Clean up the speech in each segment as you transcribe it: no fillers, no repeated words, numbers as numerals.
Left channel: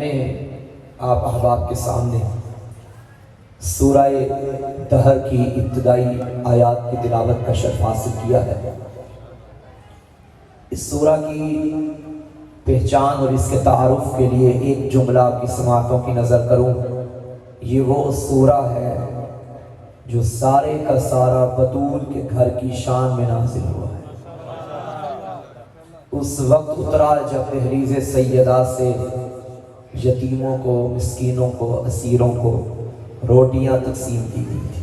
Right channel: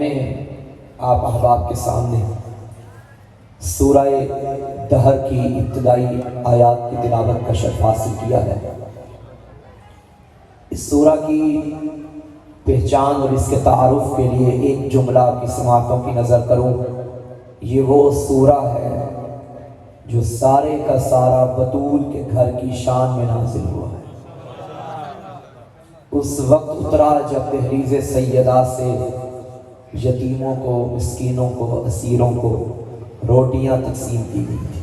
آپ احباب کے سامنے سورہ دہر کی ابتدائی آیات کی تلاوت کا شرف حاصل کیا ہے۔ اس سورہ کی پہچان اور اس کے تعارف کے لیے ایک جملہ آپ کی سماعتوں کی نظر کروں۔ یہ وہ سورہ ہے جو سارے کا سارا بطول کے گھر کی شان میں نازل ہوا ہے۔ اس وقت اترا جب تحریز سیدہ سے یتیموں کو، مسکینوں کو، اسیروں کو روٹیاں تقسیم کی گئی تھی۔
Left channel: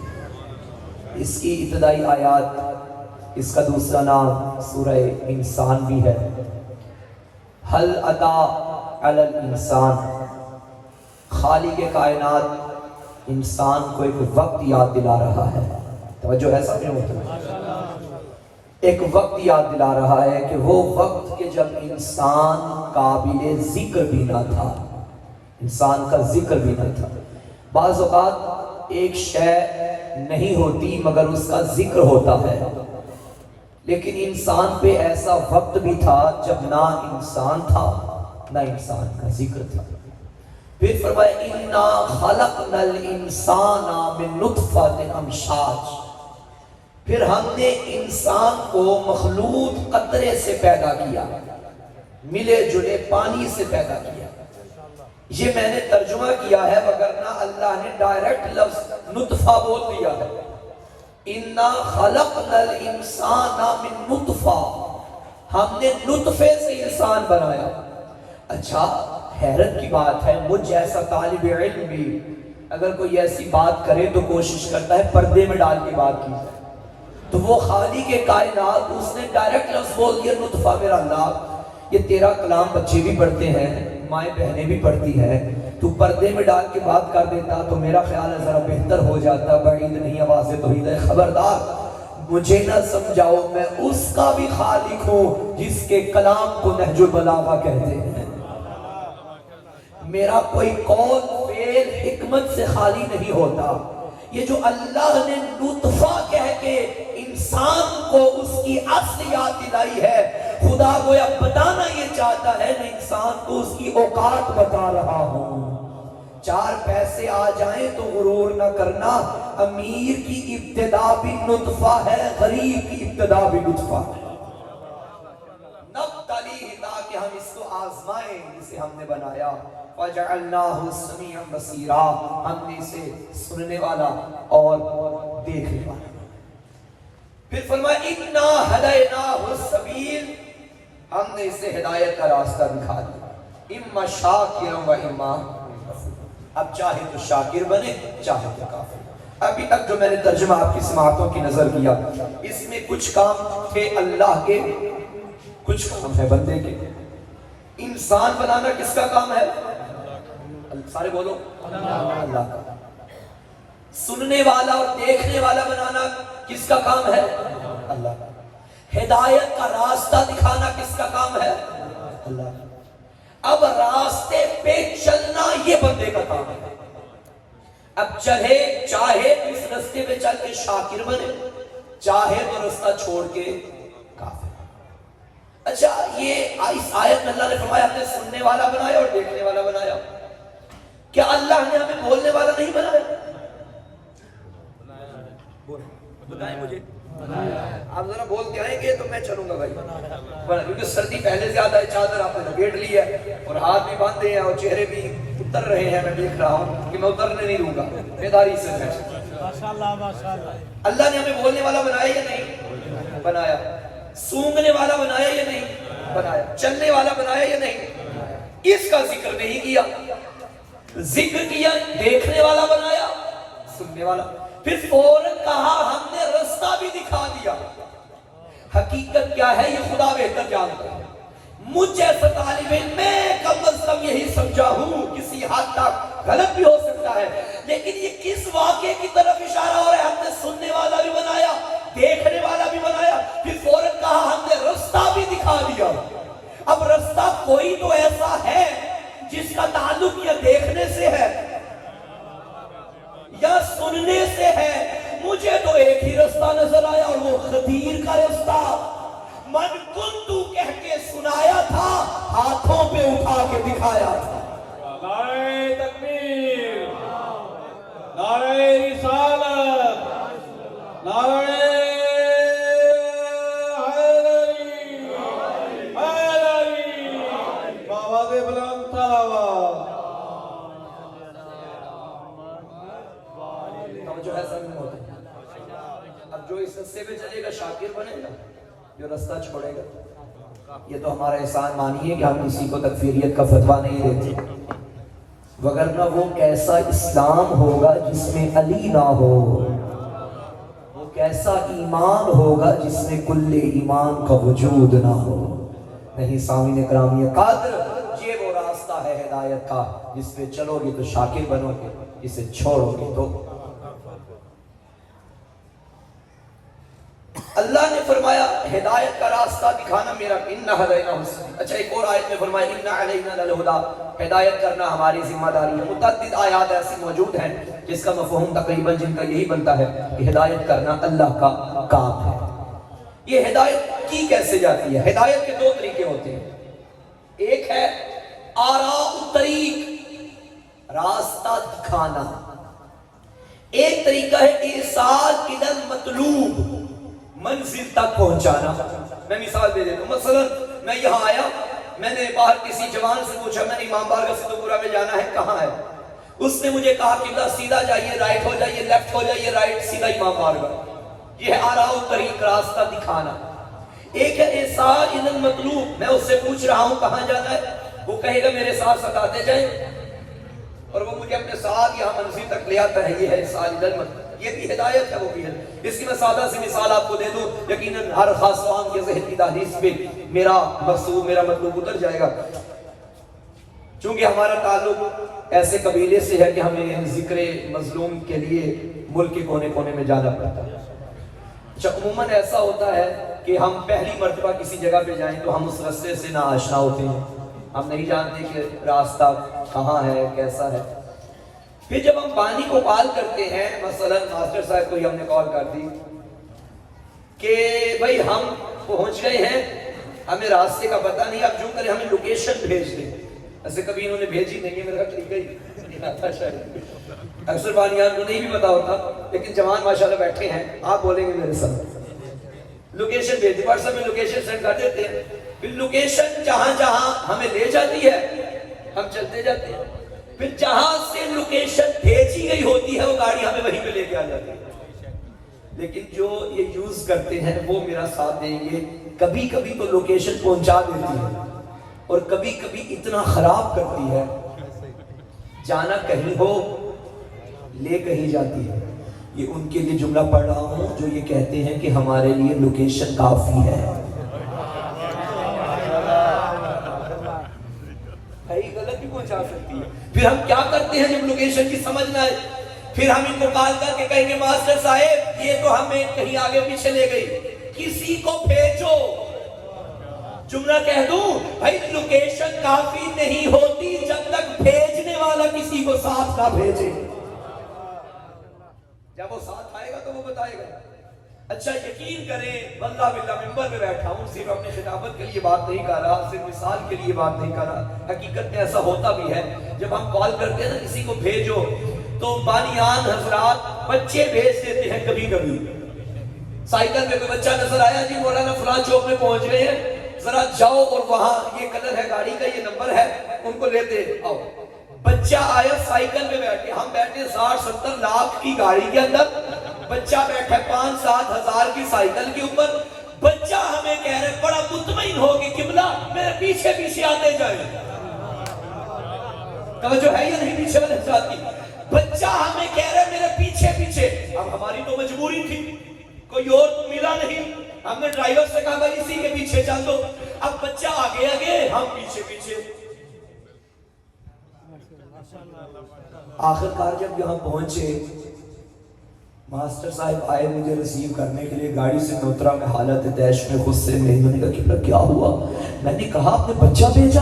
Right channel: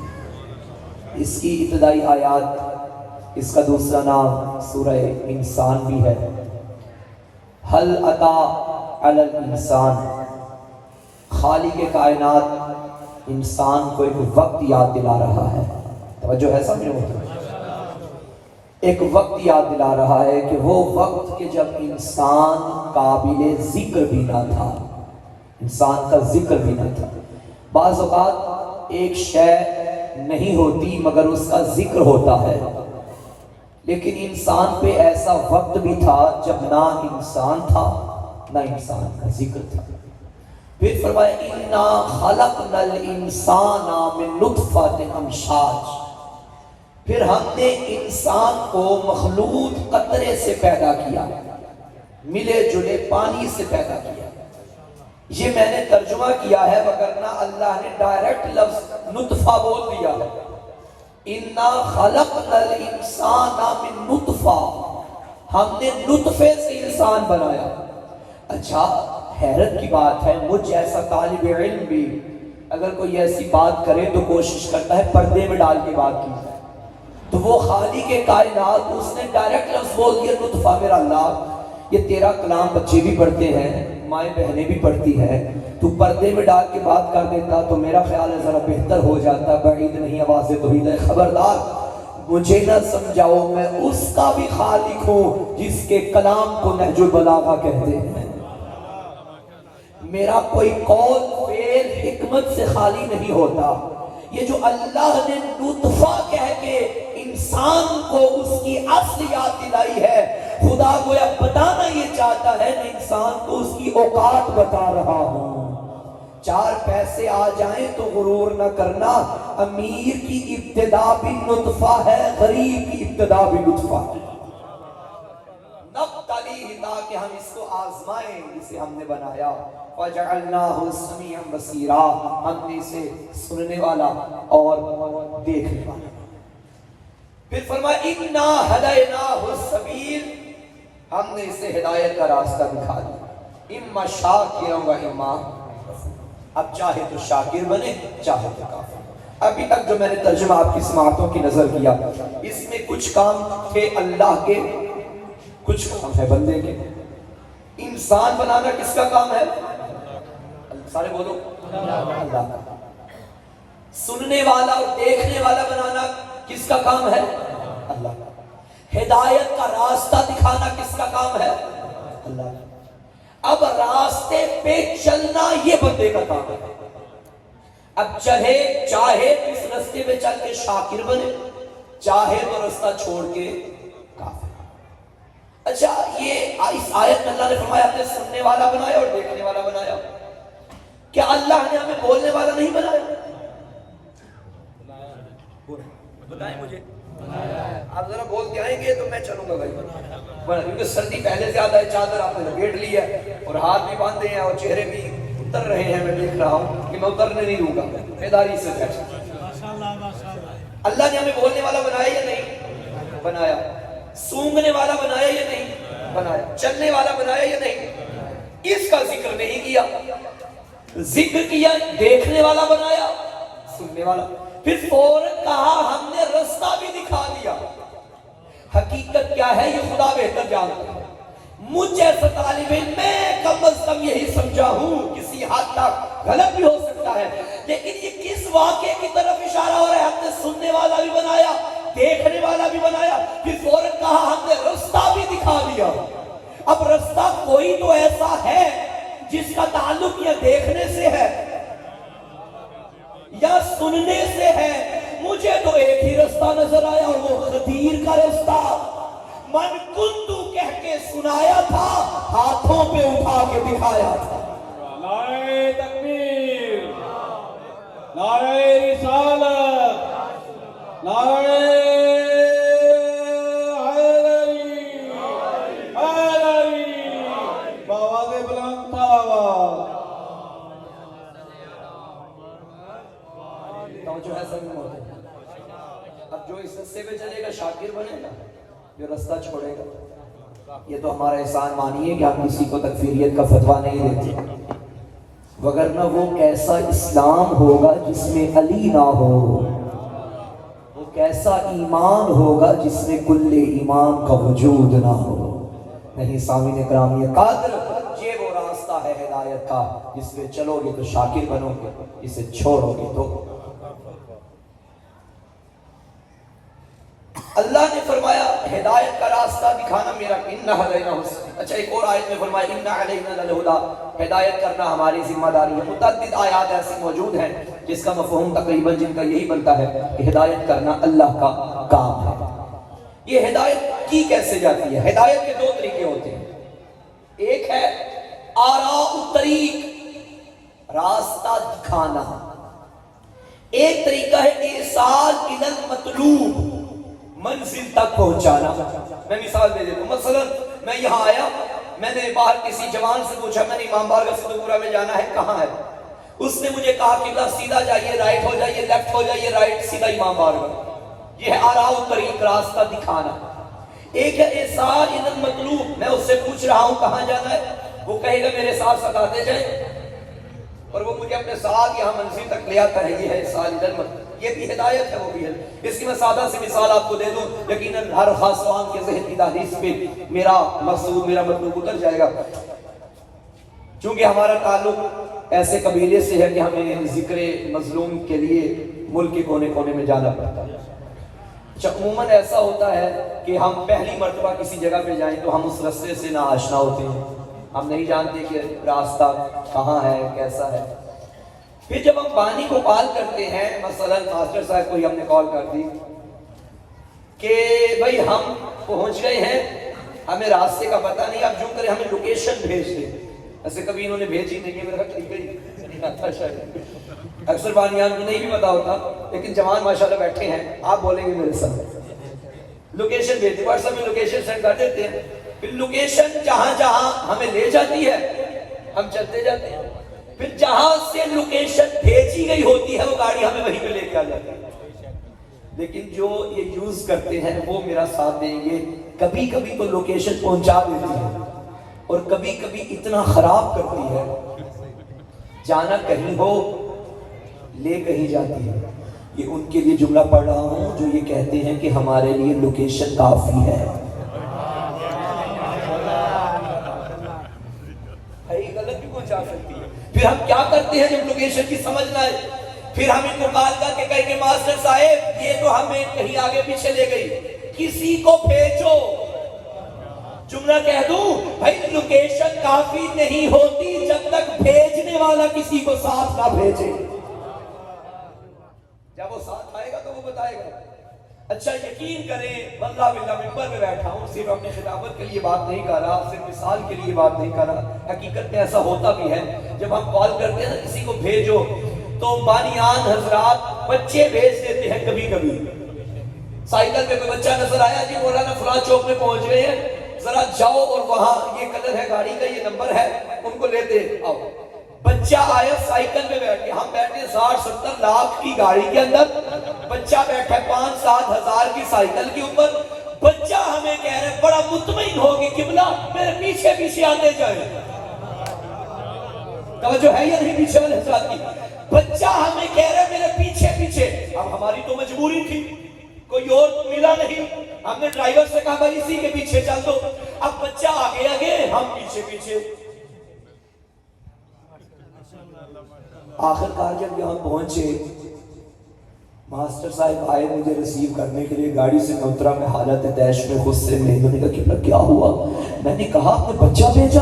اس کی ابتدائی آیات، اس کا دوسرا نام سورہ انسان بھی ہے۔ حل اتا علی الانسان، خالق کائنات انسان کو ایک وقت یاد دلا رہا ہے۔ توجہ ہے سب میرے ایک وقت یاد دلا رہا ہے کہ وہ وقت کہ جب انسان قابل ذکر بھی نہ تھا، انسان کا ذکر بھی نہ تھا۔ بعض اوقات ایک شے نہیں ہوتی مگر اس کا ذکر ہوتا ہے، لیکن انسان پہ ایسا وقت بھی تھا جب نہ انسان تھا نہ انسان کا ذکر تھا۔ پھر فرمایا اِنَّا خَلَقْنَا الْإِنسَانَ مِن نُطْفَةٍ أَمْشَاجٍ، پھر ہم نے انسان کو مخلوط قطرے سے پیدا کیا، ملے جلے پانی سے پیدا کیا۔ یہ میں نے ترجمہ کیا ہے، وگرنہ اللہ نے ڈائریکٹ لفظ نطفہ بول دیا ہے۔ اِنَّا خَلَقْنَا الْإِنسَانَ مِن نُطْفَةٍ، ہم نے نطفے سے انسان بنایا۔ اچھا حیرت کی بات ہے، مجھ جیسا طالب علم بھی اگر کوئی ایسی بات کرے تو کوشش کرتا ہے پردے میں ڈال کے بات کی، تو وہ خالق کائنات اس نے ڈائریکٹ لفظ بول دیا نطفہ۔ میرا اللہ، یہ تیرا کلام بچے بھی پڑھتے ہیں، مائیں بہنیں بھی پڑھتی ہیں، تو پردے میں ڈال کے بات کر دیتا تو میرا خیال ہے ذرا بہتر ہو جاتا۔ بعید نہیں، آواز توحید ہے۔ خبردار مجھے نہ سمجھاؤ، میں اس کا بھی خالق ہوں جس کے کلام کو نہج البلاغہ کہتے ہیں۔ میرا کوئی قول فعل حکمت سے خالی نہیں ہوتا۔ یہ جو اللہ نے نطفہ کہہ کے انسان کو اس کی اصل یاد دلائی ہے، خدا گویا بتانا یہ چاہتا ہے میں انسان کو اس کی اوقات بتا رہا ہوں۔ چار پیسے آ جائیں تو غرور نہ کرنا، امیر کی ابتدا بھی نطفہ ہے، غریب کی ابتدا بھی نطفہ ہے۔ نبتلیہ، تاکہ ہم اس کو آزمائیں جسے ہم نے بنایا۔ وَجَعَلْنَاهُ سَمِيعًا بَصِيرًا، ہم نے اسے سننے والا اور دیکھنے والا۔ پھر فرمایا اِنَّا هَدَيْنَاهُ السَّبِيلَ، ہم نے اسے ہدایت کا راستہ دکھا دیا۔ اِمَّا شَاكِرًا وَإِمَّا، اب چاہے تو شاکر بنے چاہے تو کافر۔ ابھی تک جو میں نے ترجمہ آپ کی سماعتوں کی نظر کیا، اس میں کچھ کام تھے اللہ کے، کچھ کام ہے بندے کے۔ انسان بنانا کس کا کام ہے؟ سارے بولو اللہ کا۔ سننے والا اور دیکھنے والا بنانا کس کا کام ہے؟ اللہ کا۔ ہدایت کا راستہ دکھانا کس کا کام ہے؟ اللہ کا۔ اب راستے پہ چلنا یہ بندے کا کام ہے۔ اب چاہے اس راستے پہ چل کے شاکر بنے، چاہے تو راستہ چھوڑ کے کافر۔ اچھا یہ اس آیت میں اللہ نے فرمایا ہم نے سننے والا بنایا اور دیکھنے والا بنایا۔ کیا اللہ نے ہمیں بولنے والا نہیں بنایا؟ بتائیں مجھے، آپ ذرا بول کے آئیں گے تو میں چلوں گا بھائی، کیونکہ سردی پہلے زیادہ ہے، چادر آپ نے لپیٹ لی ہے اور ہاتھ بھی باندھے ہیں اور چہرے بھی اتر رہے ہیں۔ میں دیکھ رہا ہوں کہ میں اترنے نہیں دوں گا، بیداری سے اللہ نے ہمیں بولنے والا بنایا یا نہیں بنایا؟ سونگنے والا بنایا یا نہیں بنایا؟ چلنے والا بنایا یا نہیں؟ اس کا ذکر نہیں کیا، ذکر کیا دیکھنے والا بنایا، سننے والا۔ پھر فوراً کہا ہم نے راستہ بھی دکھا دیا۔ حقیقت کیا ہے یہ خدا بہتر جانتا ہے۔ مجھ جیسا طالب علم میں کم از کم یہی سمجھا ہوں، کسی حد تک غلط بھی ہو سکتا ہے، لیکن یہ کس واقعے کی طرف اشارہ ہو رہا ہے؟ ہم نے سننے والا بھی بنایا، دیکھنے والا بھی بنایا، پھر فوراً کہا ہم نے راستہ بھی دکھا دیا۔ اب راستہ کوئی تو ایسا ہے جس کا تعلق یا دیکھنے سے ہے یا سننے سے ہے۔ مجھے تو ایک ہی راستہ نظر آیا اور وہ خدیر کا راستہ، من کنتو کہہ کے سنایا تھا، ہاتھوں پہ اٹھا کے دکھایا تھا۔ جو رستہ چھوڑے گا، یہ تو ہمارا احسان مانیے کہ ہم کسی کو تکفیریت کا فتویٰ نہیں دیتے، وگرنہ وہ کیسا اسلام ہوگا جس میں علی نہ ہو، وہ کیسا ایمان ہوگا جس میں کل ایمان کا وجود نہ ہو۔ نہیں سامعین اکرام، یہ قادر یہ وہ راستہ ہے ہدایت کا، جس پہ چلو گے تو شاکر بنو گے، اسے چھوڑو گے تو۔ اللہ نے فرمایا ہدایت کا راستہ دکھانا میرا، اِنَّا هَدَيْنَاهُ السَّبِيلَ۔ اچھا ایک اور آیت میں فرمایا اِنَّا عَلَيْنَا لَلْهُدَىٰ، ہدایت کرنا ہماری ذمہ داری ہے۔ متعدد آیات ایسی موجود ہیں جس کا مفہوم تقریباً جن کا یہی بنتا ہے کہ ہدایت کرنا اللہ کا کام ہے۔ یہ ہدایت کی کیسے جاتی ہے؟ ہدایت کے دو طریقے ہوتے ہیں، ایک ہے آراء الطریق، راستہ دکھانا، ایک طریقہ ہے ایصال الی المطلوب، منزل تک پہنچانا۔ میں مثال دے دیتا ہوں، مثلا میں یہاں آیا، میں نے باہر کسی جوان سے پوچھا میں نے امام بارگاہ صدیقپورہ میں جانا ہے، کہاں ہے؟ اس نے مجھے کہا کہ سیدھا جائیے، رائٹ ہو جائیے، لیفٹ ہو جائیے، رائٹ، سیدھا امام بارگاہ۔ یہ ہے آراء الطریق، راستہ دکھانا۔ ایک ہے ایصال الی المطلوب، میں اس سے پوچھ رہا ہوں کہاں جانا ہے، وہ کہے گا میرے ساتھ ساتھ آتے جائیں، اور وہ مجھے اپنے ساتھ یہاں منزل تک لے آتا ہے۔ یہ ہے ایصال الی المطلوب، یہ بھی ہدایت ہے، وہ بھی ہے۔ اس کی میں سادہ سی مثال آپ کو دے دوں، یقیناً ہر خاص فہم کے ذہن کی تحدیث پہ میرا مقصود، میرا مطلوب اتر جائے گا۔ چونکہ ہمارا تعلق ایسے قبیلے سے ہے کہ ہمیں ذکر مظلوم کے لیے ملک کے کونے کونے میں جانا پڑتا ہے۔ عموماً ایسا ہوتا ہے کہ ہم پہلی مرتبہ کسی جگہ پہ جائیں تو ہم اس رستے سے نا آشنا ہوتے ہیں، ہم نہیں جانتے کہ راستہ کہاں ہے، کیسا ہے۔ پھر جب ہم بانی کو کال کرتے ہیں، مثلا ماسٹر صاحب کو ہی ہم نے کال کر دی کہ بھائی ہم پہنچ گئے ہیں، ہمیں راستے کا پتہ نہیں، اب جو کریں ہمیں لوکیشن بھیج دیں۔ ایسے کبھی انہوں نے بھیجی نہیں ہے، میرا ٹھیک ہے نہیں آتا شاید، اکثر بانیان کو نہیں بھی پتا ہوتا، لیکن جوان ماشاءاللہ بیٹھے ہیں، آپ بولیں گے میرے ساتھ لوکیشن بھیج دی، واٹس ایپ میں لوکیشن سینڈ کر دیتے ہیں۔ پھر لوکیشن جہاں جہاں ہمیں لے جاتی ہے ہم چلتے جاتے ہیں، پھر جہاں سے لوکیشن بھیجی گئی ہوتی ہے وہ گاڑی ہمیں وہیں پہ لے کے آ جاتی ہے۔ لیکن جو یہ یوز کرتے ہیں وہ میرا ساتھ دیں گے، کبھی کبھی تو لوکیشن پہنچا دیتی ہے اور کبھی کبھی اتنا خراب کرتی ہے، جانا کہیں ہو لے کہیں جاتی ہے۔ یہ ان کے لیے جملہ پڑھ رہا ہوں جو یہ کہتے ہیں کہ ہمارے لیے لوکیشن کافی ہے۔ غلط بھی پہنچا سکتی ہے۔ پھر ہم کیا کرتے ہیں جب لوکیشن کی سمجھ نہ آئے، پھر ہم ان کو کال کر کے کہیں گے ماسٹر صاحب یہ تو ہمیں کہیں آگے پیچھے لے گئی، کسی کو بھیجو۔ جملہ کہہ دوں، بھائی لوکیشن کافی نہیں ہوتی جب تک بھیجنے والا کسی کو ساتھ نہ بھیجے۔ جب وہ ساتھ آئے گا تو وہ بتائے گا۔ اچھا یقین کریں، واللہ باللہ ممبر میں بیٹھا ہوں، صرف اپنے خطابت کے لیے بات نہیں کر رہا، صرف مثال کے لیے بات نہیں کر رہا، حقیقت میں ایسا ہوتا بھی ہے۔ جب ہم کال کرتے ہیں نا کسی کو بھیجو، تو بانیان حضرات بچے بھیج دیتے ہیں کبھی کبھی۔ سائیکل میں کوئی بچہ نظر آیا، جی مولانا فلاں چوک میں پہنچ گئے ہیں، ذرا جاؤ اور وہاں یہ کلر ہے گاڑی کا، یہ نمبر ہے، ان کو لیتے آؤ۔ بچہ آیا سائیکل میں بیٹھ کے، ہم بیٹھے 60-70 لاکھ کی گاڑی کے اندر، بچہ بیٹھا 5-7 ہزار کی سائیکل کے اوپر، بچہ ہمیں کہہ رہے بڑا مطمئن ہو کہ قبلہ میرے پیچھے پیچھے آتے جائے۔ توجہ ہے یا نہیں پیچھے والے حضرات کی؟ بچہ ہمیں کہہ رہے میرے پیچھے پیچھے۔ اب ہماری تو مجبوری تھی، کوئی اور تو ملا نہیں، ہم نے ڈرائیور سے کہا بھائی اسی کے پیچھے چل دو۔ اب بچہ آگے آگے، ہم پیچھے پیچھے۔ آخر کار جب یہاں پہنچے، ماسٹر صاحب آئے مجھے ریسیو کرنے کے لیے، گاڑی سے میں اترا، میں حالت تیش میں غصے میں، انہوں نے کہا کہ کیا ہوا؟ میں نے کہا آپ نے بچہ بھیجا؟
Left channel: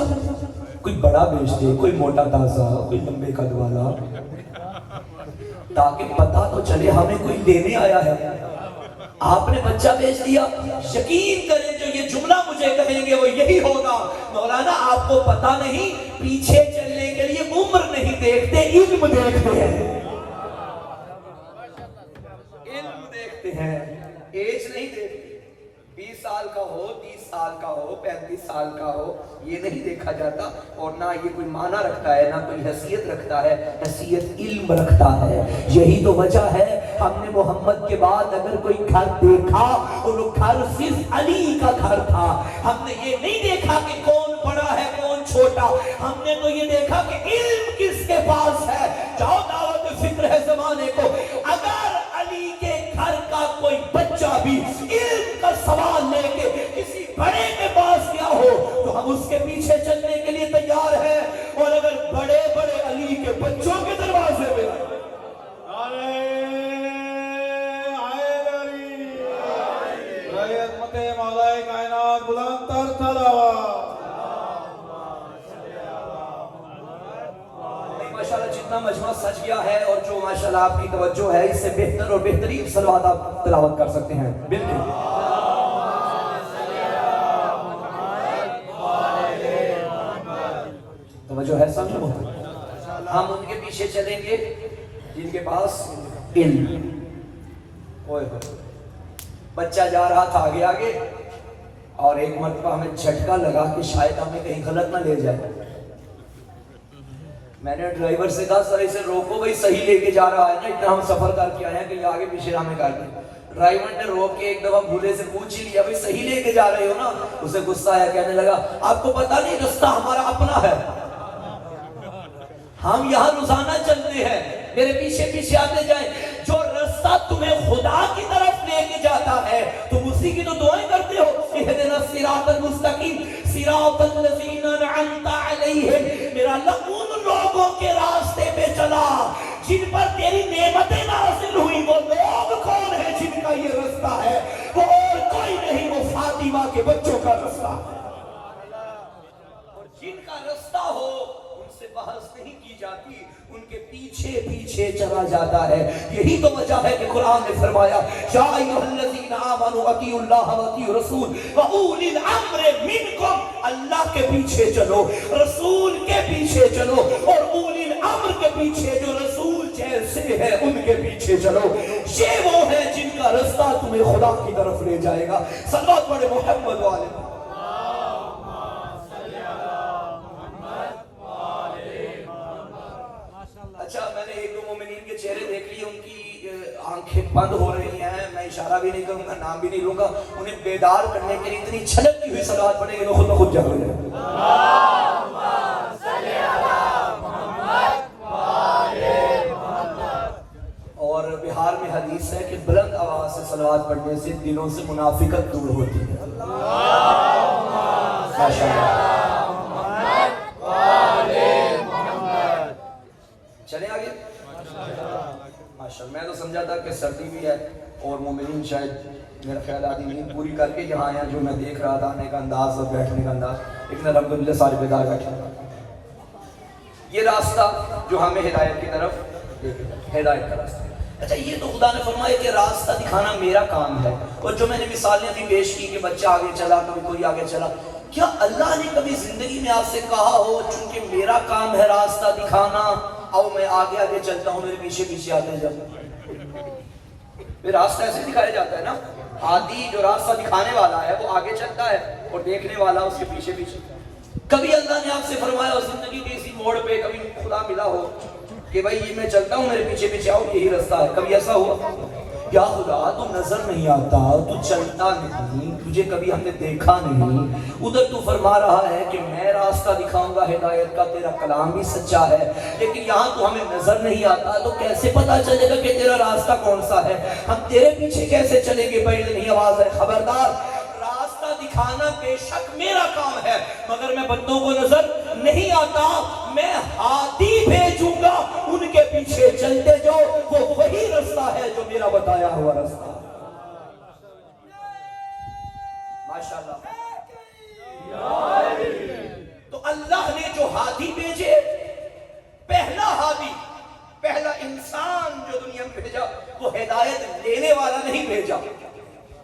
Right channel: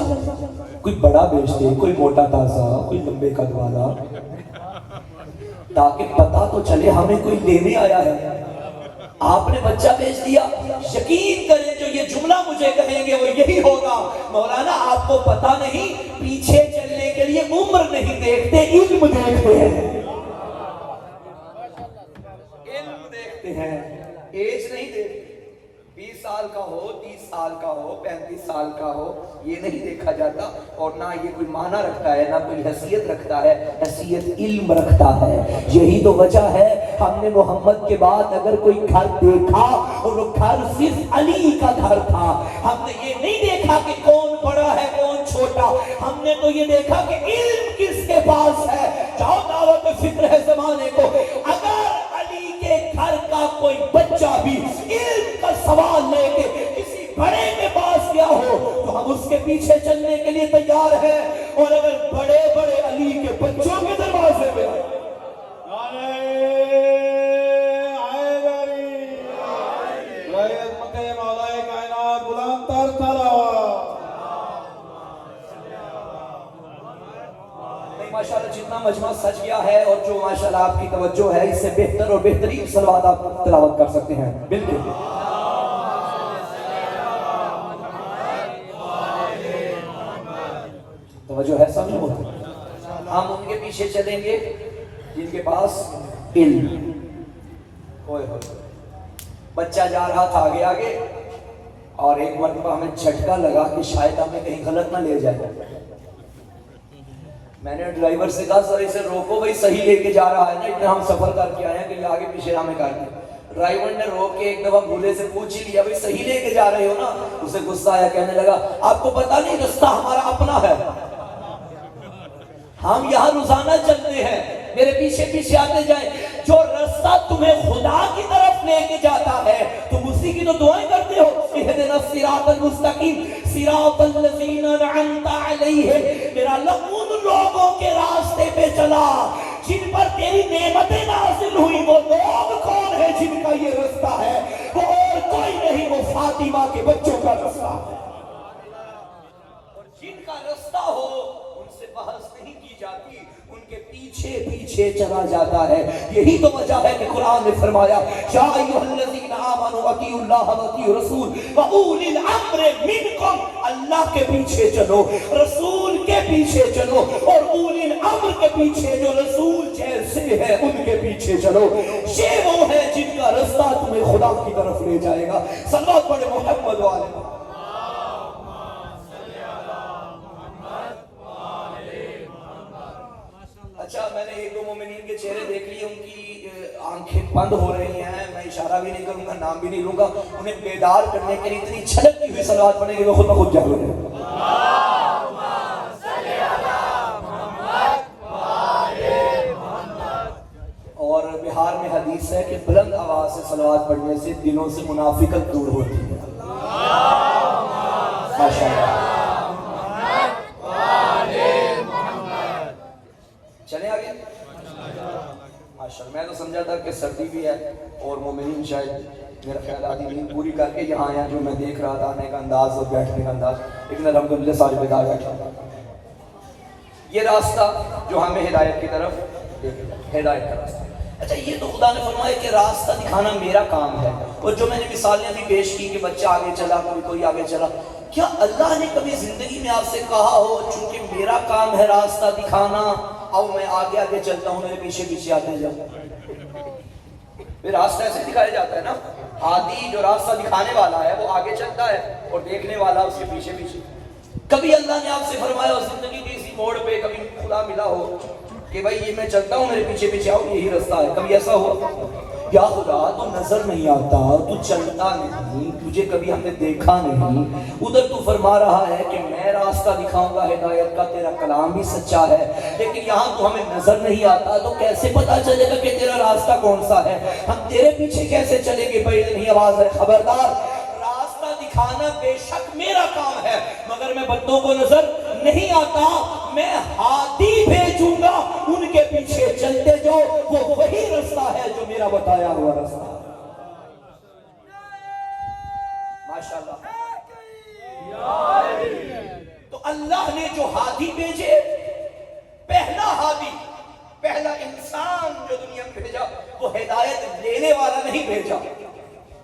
کوئی بڑا بھیجتے، کوئی موٹا تازہ، کوئی لمبے قد والا، تاکہ پتہ تو چلے ہمیں کوئی لینے آیا ہے۔ آپ نے بچہ بھیج دیا۔ یقین کریں جو یہ جملہ مجھے کہیں گے وہ یہی ہوگا، مولانا آپ کو پتہ نہیں، پیچھے چلنے کے لیے عمر نہیں دیکھتے، علم دیکھتے ہیں، علم دیکھتے ہیں، ایج نہیں دیکھتے۔ 20 سال کا ہو، 30 سال کا ہو 35 سال کا ہو یہ نہیں دیکھا جاتا، اور نہ یہ کوئی معنی رکھتا ہے، نہ کوئی حیثیت رکھتا ہے، حیثیت علم رکھتا ہے۔ یہی تو وجہ ہے ہم نے محمد کے بعد اگر کوئی گھر دیکھا اور وہ گھر صرف علی کا گھر تھا، ہم نے یہ نہیں دیکھا کہ کون بڑا ہے کون چھوٹا، ہم نے تو یہ دیکھا کہ علم کس کے پاس ہے۔ جاؤ دعوت فکر ہے زمانے کو، اگر علی کے گھر کا کوئی بچہ بھی علم کا سوال لے کے کسی بڑے کے پاس گیا ہو تو ہم اس کے پیچھے چلنے کے لیے تیار ہیں، اور اگر بڑے بڑے علی کے بچوں کے دروازے پہ آئے ماشاءاللہ جتنا مجمع سج گیا ہے اور جو ماشاءاللہ آپ کی توجہ ہے اس سے بہتر اور بہترین صلوات آپ تلاوت کر سکتے ہیں۔ بالکل توجہ ہے سب لوگ، ہم ان کے پیچھے چلیں گے جن کے پاس علم۔ بچہ جا رہا تھا آگے آگے اور ایک مرتبہ ہمیں جھٹکا لگا کہ شاید ہمیں کہیں غلط نہ لے جائے۔ میں نے ڈرائیور سے کہا سر اسے روکو بھائی صحیح لے کے جا رہا ہے نا، اتنا ہم سفر کر کے آئے ہیں کہ یہ آگے پیچھے ہمیں کر دیں۔ ڈرائیور نے روک کے ایک دفعہ بھولے سے پوچھ ہی لیا بھائی صحیح لے کے جا رہے ہو نا؟ اسے غصہ آیا، کہنے لگا آپ کو پتہ نہیں رستہ ہمارا اپنا ہے، ہم یہاں روزانہ چلتے ہیں، میرے پیچھے پیچھے آتے جائیں۔ جو رستہ تمہیں خدا کی طرف لے کے جاتا ہے تم اسی کی تو دعائیں کرتے ہو، اہدنا الصراط المستقیم صراط الذین انعمت علیہم، میرا اللہ ان لوگوں کے راستے پہ چلا جن پر تیری نعمتیں نازل ہوئی۔ وہ لوگ کون ہیں جن کا یہ رستہ ہے؟ وہ اور کوئی نہیں، وہ فاطمہ کے بچوں کا رستہ ہے، اور جن کا رستہ ہو ان سے بحث نہیں کی جاتی، ان کے پیچھے پیچھے چلا جاتا ہے۔ یہی تو وجہ ہے کہ قرآن نے فرمایا یا ایھا الذین آمنوا اطیعوا اللہ واطیعوا الرسول واولی الامر منکم، اللہ کے پیچھے چلو، رسول کے پیچھے چلو، اور اولی الامر کے پیچھے جو رسول جیسے ہیں ان کے پیچھے چلو۔ یہ وہ ہے جن کا رستہ تمہیں خدا کی طرف لے جائے گا۔ صلوات پڑھے محمد والے۔ اچھا میں نے ایک دو مومنین کے چہرے دیکھ لیے، ان کی آنکھیں بند ہو رہی ہیں، میں اشارہ بھی نہیں کروں گا، نام بھی نہیں لوں گا، انہیں بیدار کرنے کے لیے اتنی چھلکتی ہوئی صلوات پڑھیں گے وہ خود بخود جاگ رہے ہیں۔ اور بہار میں حدیث ہے کہ بلند آواز سے صلوات پڑھنے سے دلوں سے منافقت دور ہوتی ہے۔ چلیں آگے۔ ماشاءاللہ میں تو سمجھا تھا کہ سردی بھی ہے اور مومنین شاید میرا خیال آتی نہیں پوری کر کے یہاں آیا، جو میں دیکھ رہا تھا آنے کا انداز اور بیٹھنے کا انداز، لیکن الحمدللہ سارے بیدار بیٹھا۔ یہ راستہ جو ہمیں ہدایت کی طرف، ہدایت کا راستہ۔ اچھا یہ تو خدا نے فرمایا کہ راستہ دکھانا میرا کام ہے، اور جو میں نے مثالیں بھی پیش کی کہ بچہ آگے چلا کوئی آگے چلا، کیا اللہ نے کبھی زندگی میں آپ سے کہا ہو چونکہ میرا کام ہے راستہ دکھانا اب میں آگے آگے چلتا ہوں میرے پیچھے پیچھے آتے جاؤ؟ راستہ ایسے دکھایا جاتا ہے نا، ہادی جو راستہ دکھانے والا ہے وہ آگے چلتا ہے اور دیکھنے والا اس کے پیچھے پیچھے۔ کبھی اللہ نے آپ سے فرمایا ہو زندگی کے اسی موڑ پہ کبھی خدا ملا ہو کہ بھائی یہ میں چلتا ہوں میرے پیچھے پیچھے آؤ یہی راستہ ہے، کبھی ایسا ہوا؟ یا خدا تو نظر نہیں آتا، تو چلتا نہیں، تجھے کبھی ہم نے دیکھا نہیں، ادھر تو فرما رہا ہے کہ میں راستہ دکھاؤں گا ہدایت کا، تیرا کلام بھی سچا ہے، لیکن یہاں تو ہمیں نظر نہیں آتا، تو کیسے پتا چلے گا کہ تیرا راستہ کون سا ہے؟ ہم تیرے پیچھے کیسے چلیں گے؟ بھائی نہیں آواز ہے خبردار، راستہ دکھانا بے شک میرا کام ہے، مگر میں بندوں کو نظر نہیں آتا، میں ہادی بھیجوں گا، ان کے پیچھے چلتے جاؤ، وہ وہی راستہ ہے جو میرا بتایا ہوا راستہ ہے۔ ماشاءاللہ۔ تو اللہ نے جو ہادی بھیجے، پہلا ہادی، پہلا انسان جو دنیا میں بھیجا وہ ہدایت دینے والا نہیں بھیجا،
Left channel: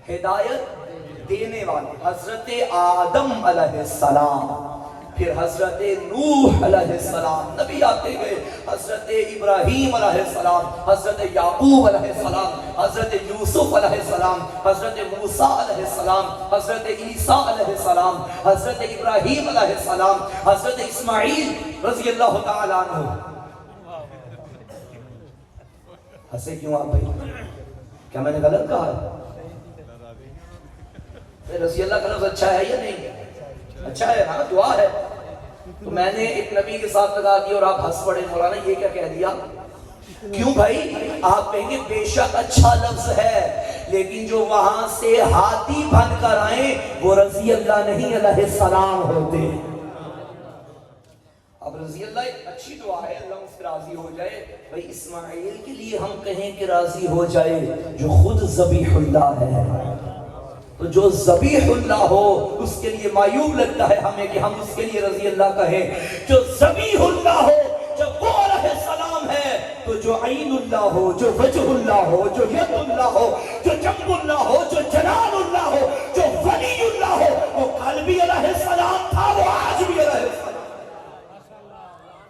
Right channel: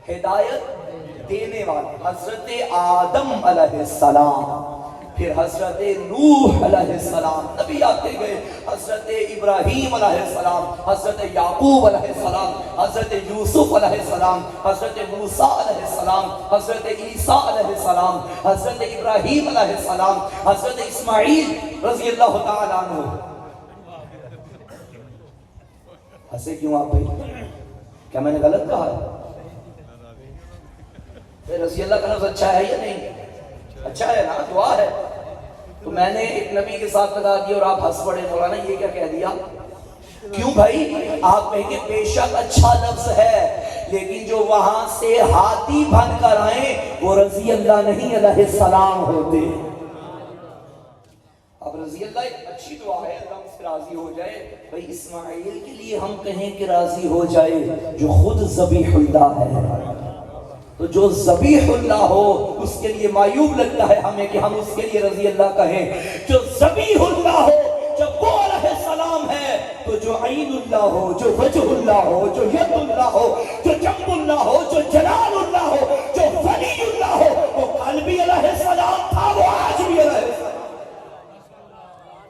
ہدایت دینے والے حضرت آدم علیہ السلام۔ پھر حضرت نوح علیہ السلام نبی آتے گئے، حضرت ابراہیم علیہ السلام، حضرت یعقوب علیہ السلام، حضرت یوسف علیہ السلام، حضرت موسیٰ علیہ السلام، حضرت عیسیٰ علیہ السلام، حضرت ابراہیم علیہ السلام، حضرت اسماعیل رضی اللہ تعالیٰ عنہ. ہنسے کیوں آپ بھائی؟ کیا میں نے غلط کہا ہے؟ رضی اللہ کا لفظ اچھا ہے یا نہیں؟ اچھا ہے نا، دعا ہے. تو میں نے ایک نبی کے ساتھ لگا دیا اور آپ ہنس پڑے، مولانا یہ کیا کہہ دیا؟ کیوں بھائی؟ آپ کہیں گے بے شک اچھا لفظ ہے، لیکن جو وہاں سے ہاتھی بن کر آئیں وہ رضی اللہ نہیں علیہ السلام ہوتے. اب رضی اللہ ایک اچھی دعا ہے، اللہ مجھ سے راضی ہو جائے. بھائی اسماعیل کے لیے ہم کہیں کہ راضی ہو جائے جو خود ذبیح اللہ ہے. تو جو ذبیح اللہ ہو اس کے لیے معیوب لگتا ہے ہمیں کہ ہم اس کے لیے رضی اللہ کہیں. جو ذبیح اللہ ہو جب وہ علیہ السلام ہے، تو جو عین اللہ ہو، جو وجہ اللہ ہو، جو ید اللہ ہو، جو جنب اللہ ہو، جو جلال اللہ ہو، جو ولی اللہ ہو، وہ کل بھی علیہ السلام تھا، وہ آج بھی علیہ السلام.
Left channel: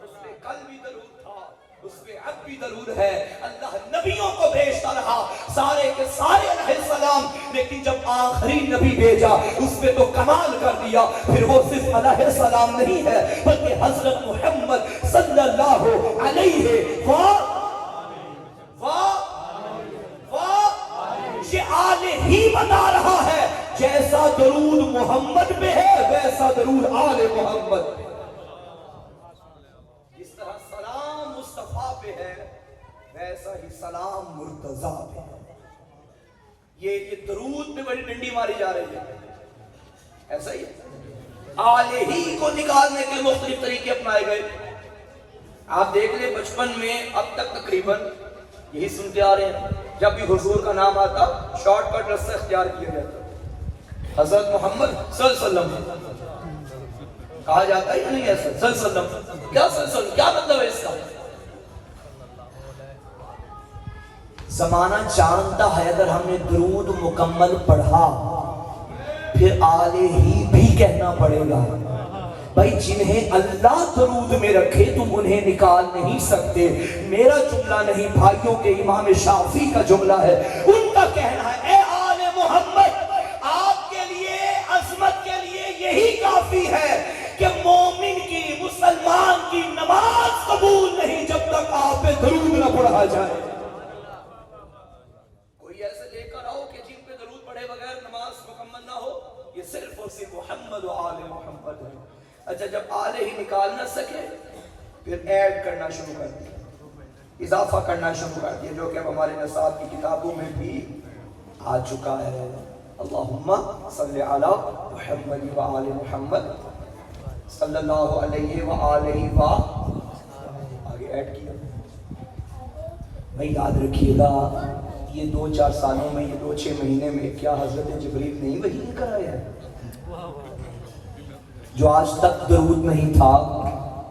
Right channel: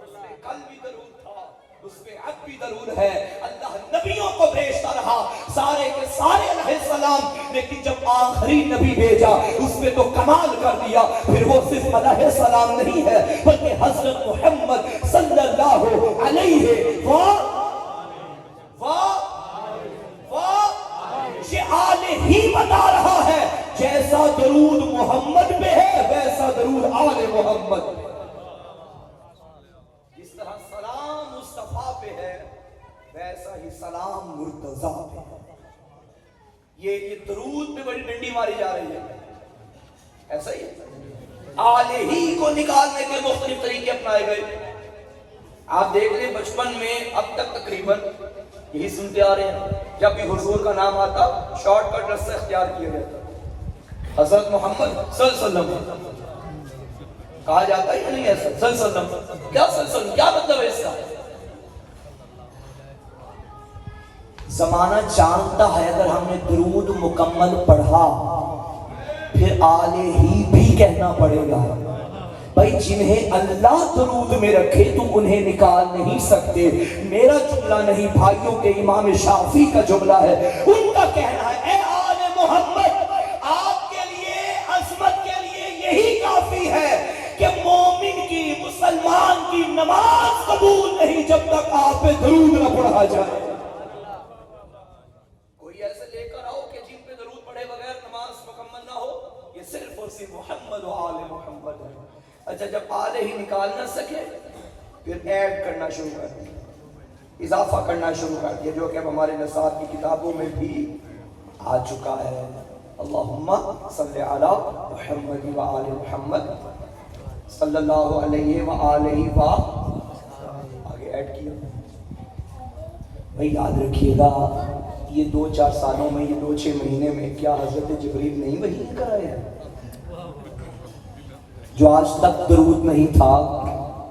اس پہ کل بھی درود تھا، اس پہ اب بھی درود ہے. اللہ نبیوں کو بھیجتا رہا، سارے کے سارے علیہ السلام، لیکن جب آخری نبی بھیجا اس میں تو کمال کر دیا. پھر وہ صرف علیہ السلام نہیں ہے بلکہ حضرت محمد صلی اللہ علیہ یہ آلہ ہی بتا رہا ہے. جیسا درود محمد میں ہے ویسا درود آل محمد. جس طرح سلام مصطفیٰ پہ ہے ویسا ہی سلام مرتضیٰ پہ ہے. یہ درود پہ بڑی ڈنڈی ماری جا رہی ہے، ایسا ہی آلہ ہی کو نکالنے کے مختلف طریقے اپنائے گئے. آپ دیکھ لیں بچپن میں اب تک تقریباً یہی سنتے آ رہے ہیں، جب بھی حضور کا نام آتا شارٹ کٹ رستہ اختیار کیا گیا. حضرت محمد صلی اللہ علیہ وسلم کہا جاتا ہے یا نہیں ایسا؟ صلی اللہ علیہ وسلم کیا صلی اللہ علیہ وسلم کیا مطلب ہے اس کا؟ زمانہ جانتا ہے اگر ہم نے درود مکمل پڑھا پھر آلہ ہی بھی کہنا پڑے گا. بھائی جنہیں اللہ درود میں رکھے تم انہیں نکال نہیں سکتے. میرا جملہ نہیں، بھائیوں کے امام شافعی کا جملہ ہے. ان کا کہنا ہے اے آل محمد، آپ کے لیے عظمت کے لیے یہی کافی ہے کہ مومن کی، مسلمان کی نماز قبول نہیں جب تک آپ پہ درود نہ پڑھا جائے. ایسے لے کر آؤ کہ جن پہ درود پڑھے بغیر نماز مکمل نہ ہو، یہ صرف اور صرف محمد و آل محمد ہے. اچھا جب آلہ ہی نکال نہ سکے پھر ایڈ کرنا شروع کر دیا، اضافہ کرنا شروع کر دیا، جو کہ اب ہمارے نصاب کی کتابوں میں بھی آ چکا ہے. اللہم صلی علی محمد و آل محمد صلی اللہ علیہ وآلہ و آگے ایڈ کیا. بھئی یاد رکھیے گا یہ 2-4 سالوں میں، یہ 2-6 مہینے میں کیا حضرت جبریل نہیں وحی لے کر آئے ہیں؟ جو آج تک درود نہیں تھا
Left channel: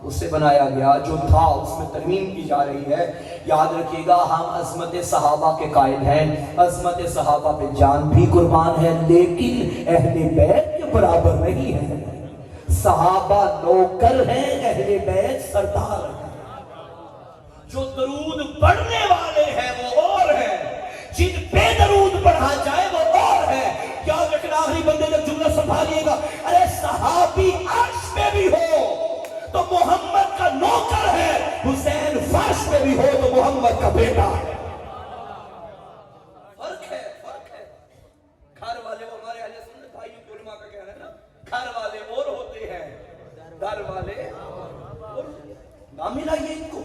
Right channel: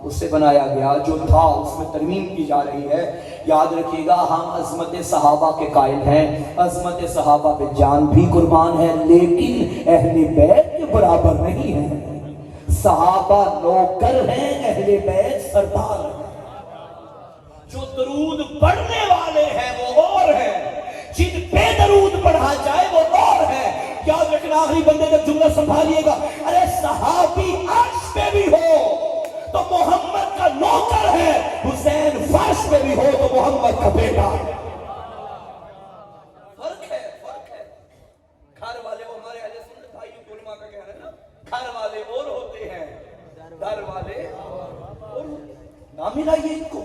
اسے بنایا گیا، جو تھا اس میں ترمیم کی جا رہی ہے. یاد رکھیے گا ہم عظمت صحابہ کے قائل ہیں، عظمت صحابہ پہ جان بھی قربان ہے، لیکن اہل بیت کے برابر نہیں ہیں. صحابہ نوکر ہیں، اہل بیت سردار ہیں. جو درود پڑھنے والے ہیں وہ اور ہیں، جن پہ درود پڑھا جائے وہ اور ہے. یاد رکھنا آخری بندے جب جملہ سنبھالیے گا، ارے صحابی عرش پہ بھی ہو تو محمد کا نوکر ہے، حسین فرش پہ بھی ہو تو محمد کا بیٹا ہے. فرق ہے، فرق ہے. گھر والے وہ ہمارے اہل سنت بھائی علماء کا کہنا ہے نا، گھر والے اور ہوتے ہیں، در والے اور نام ہی لائیے ان کو.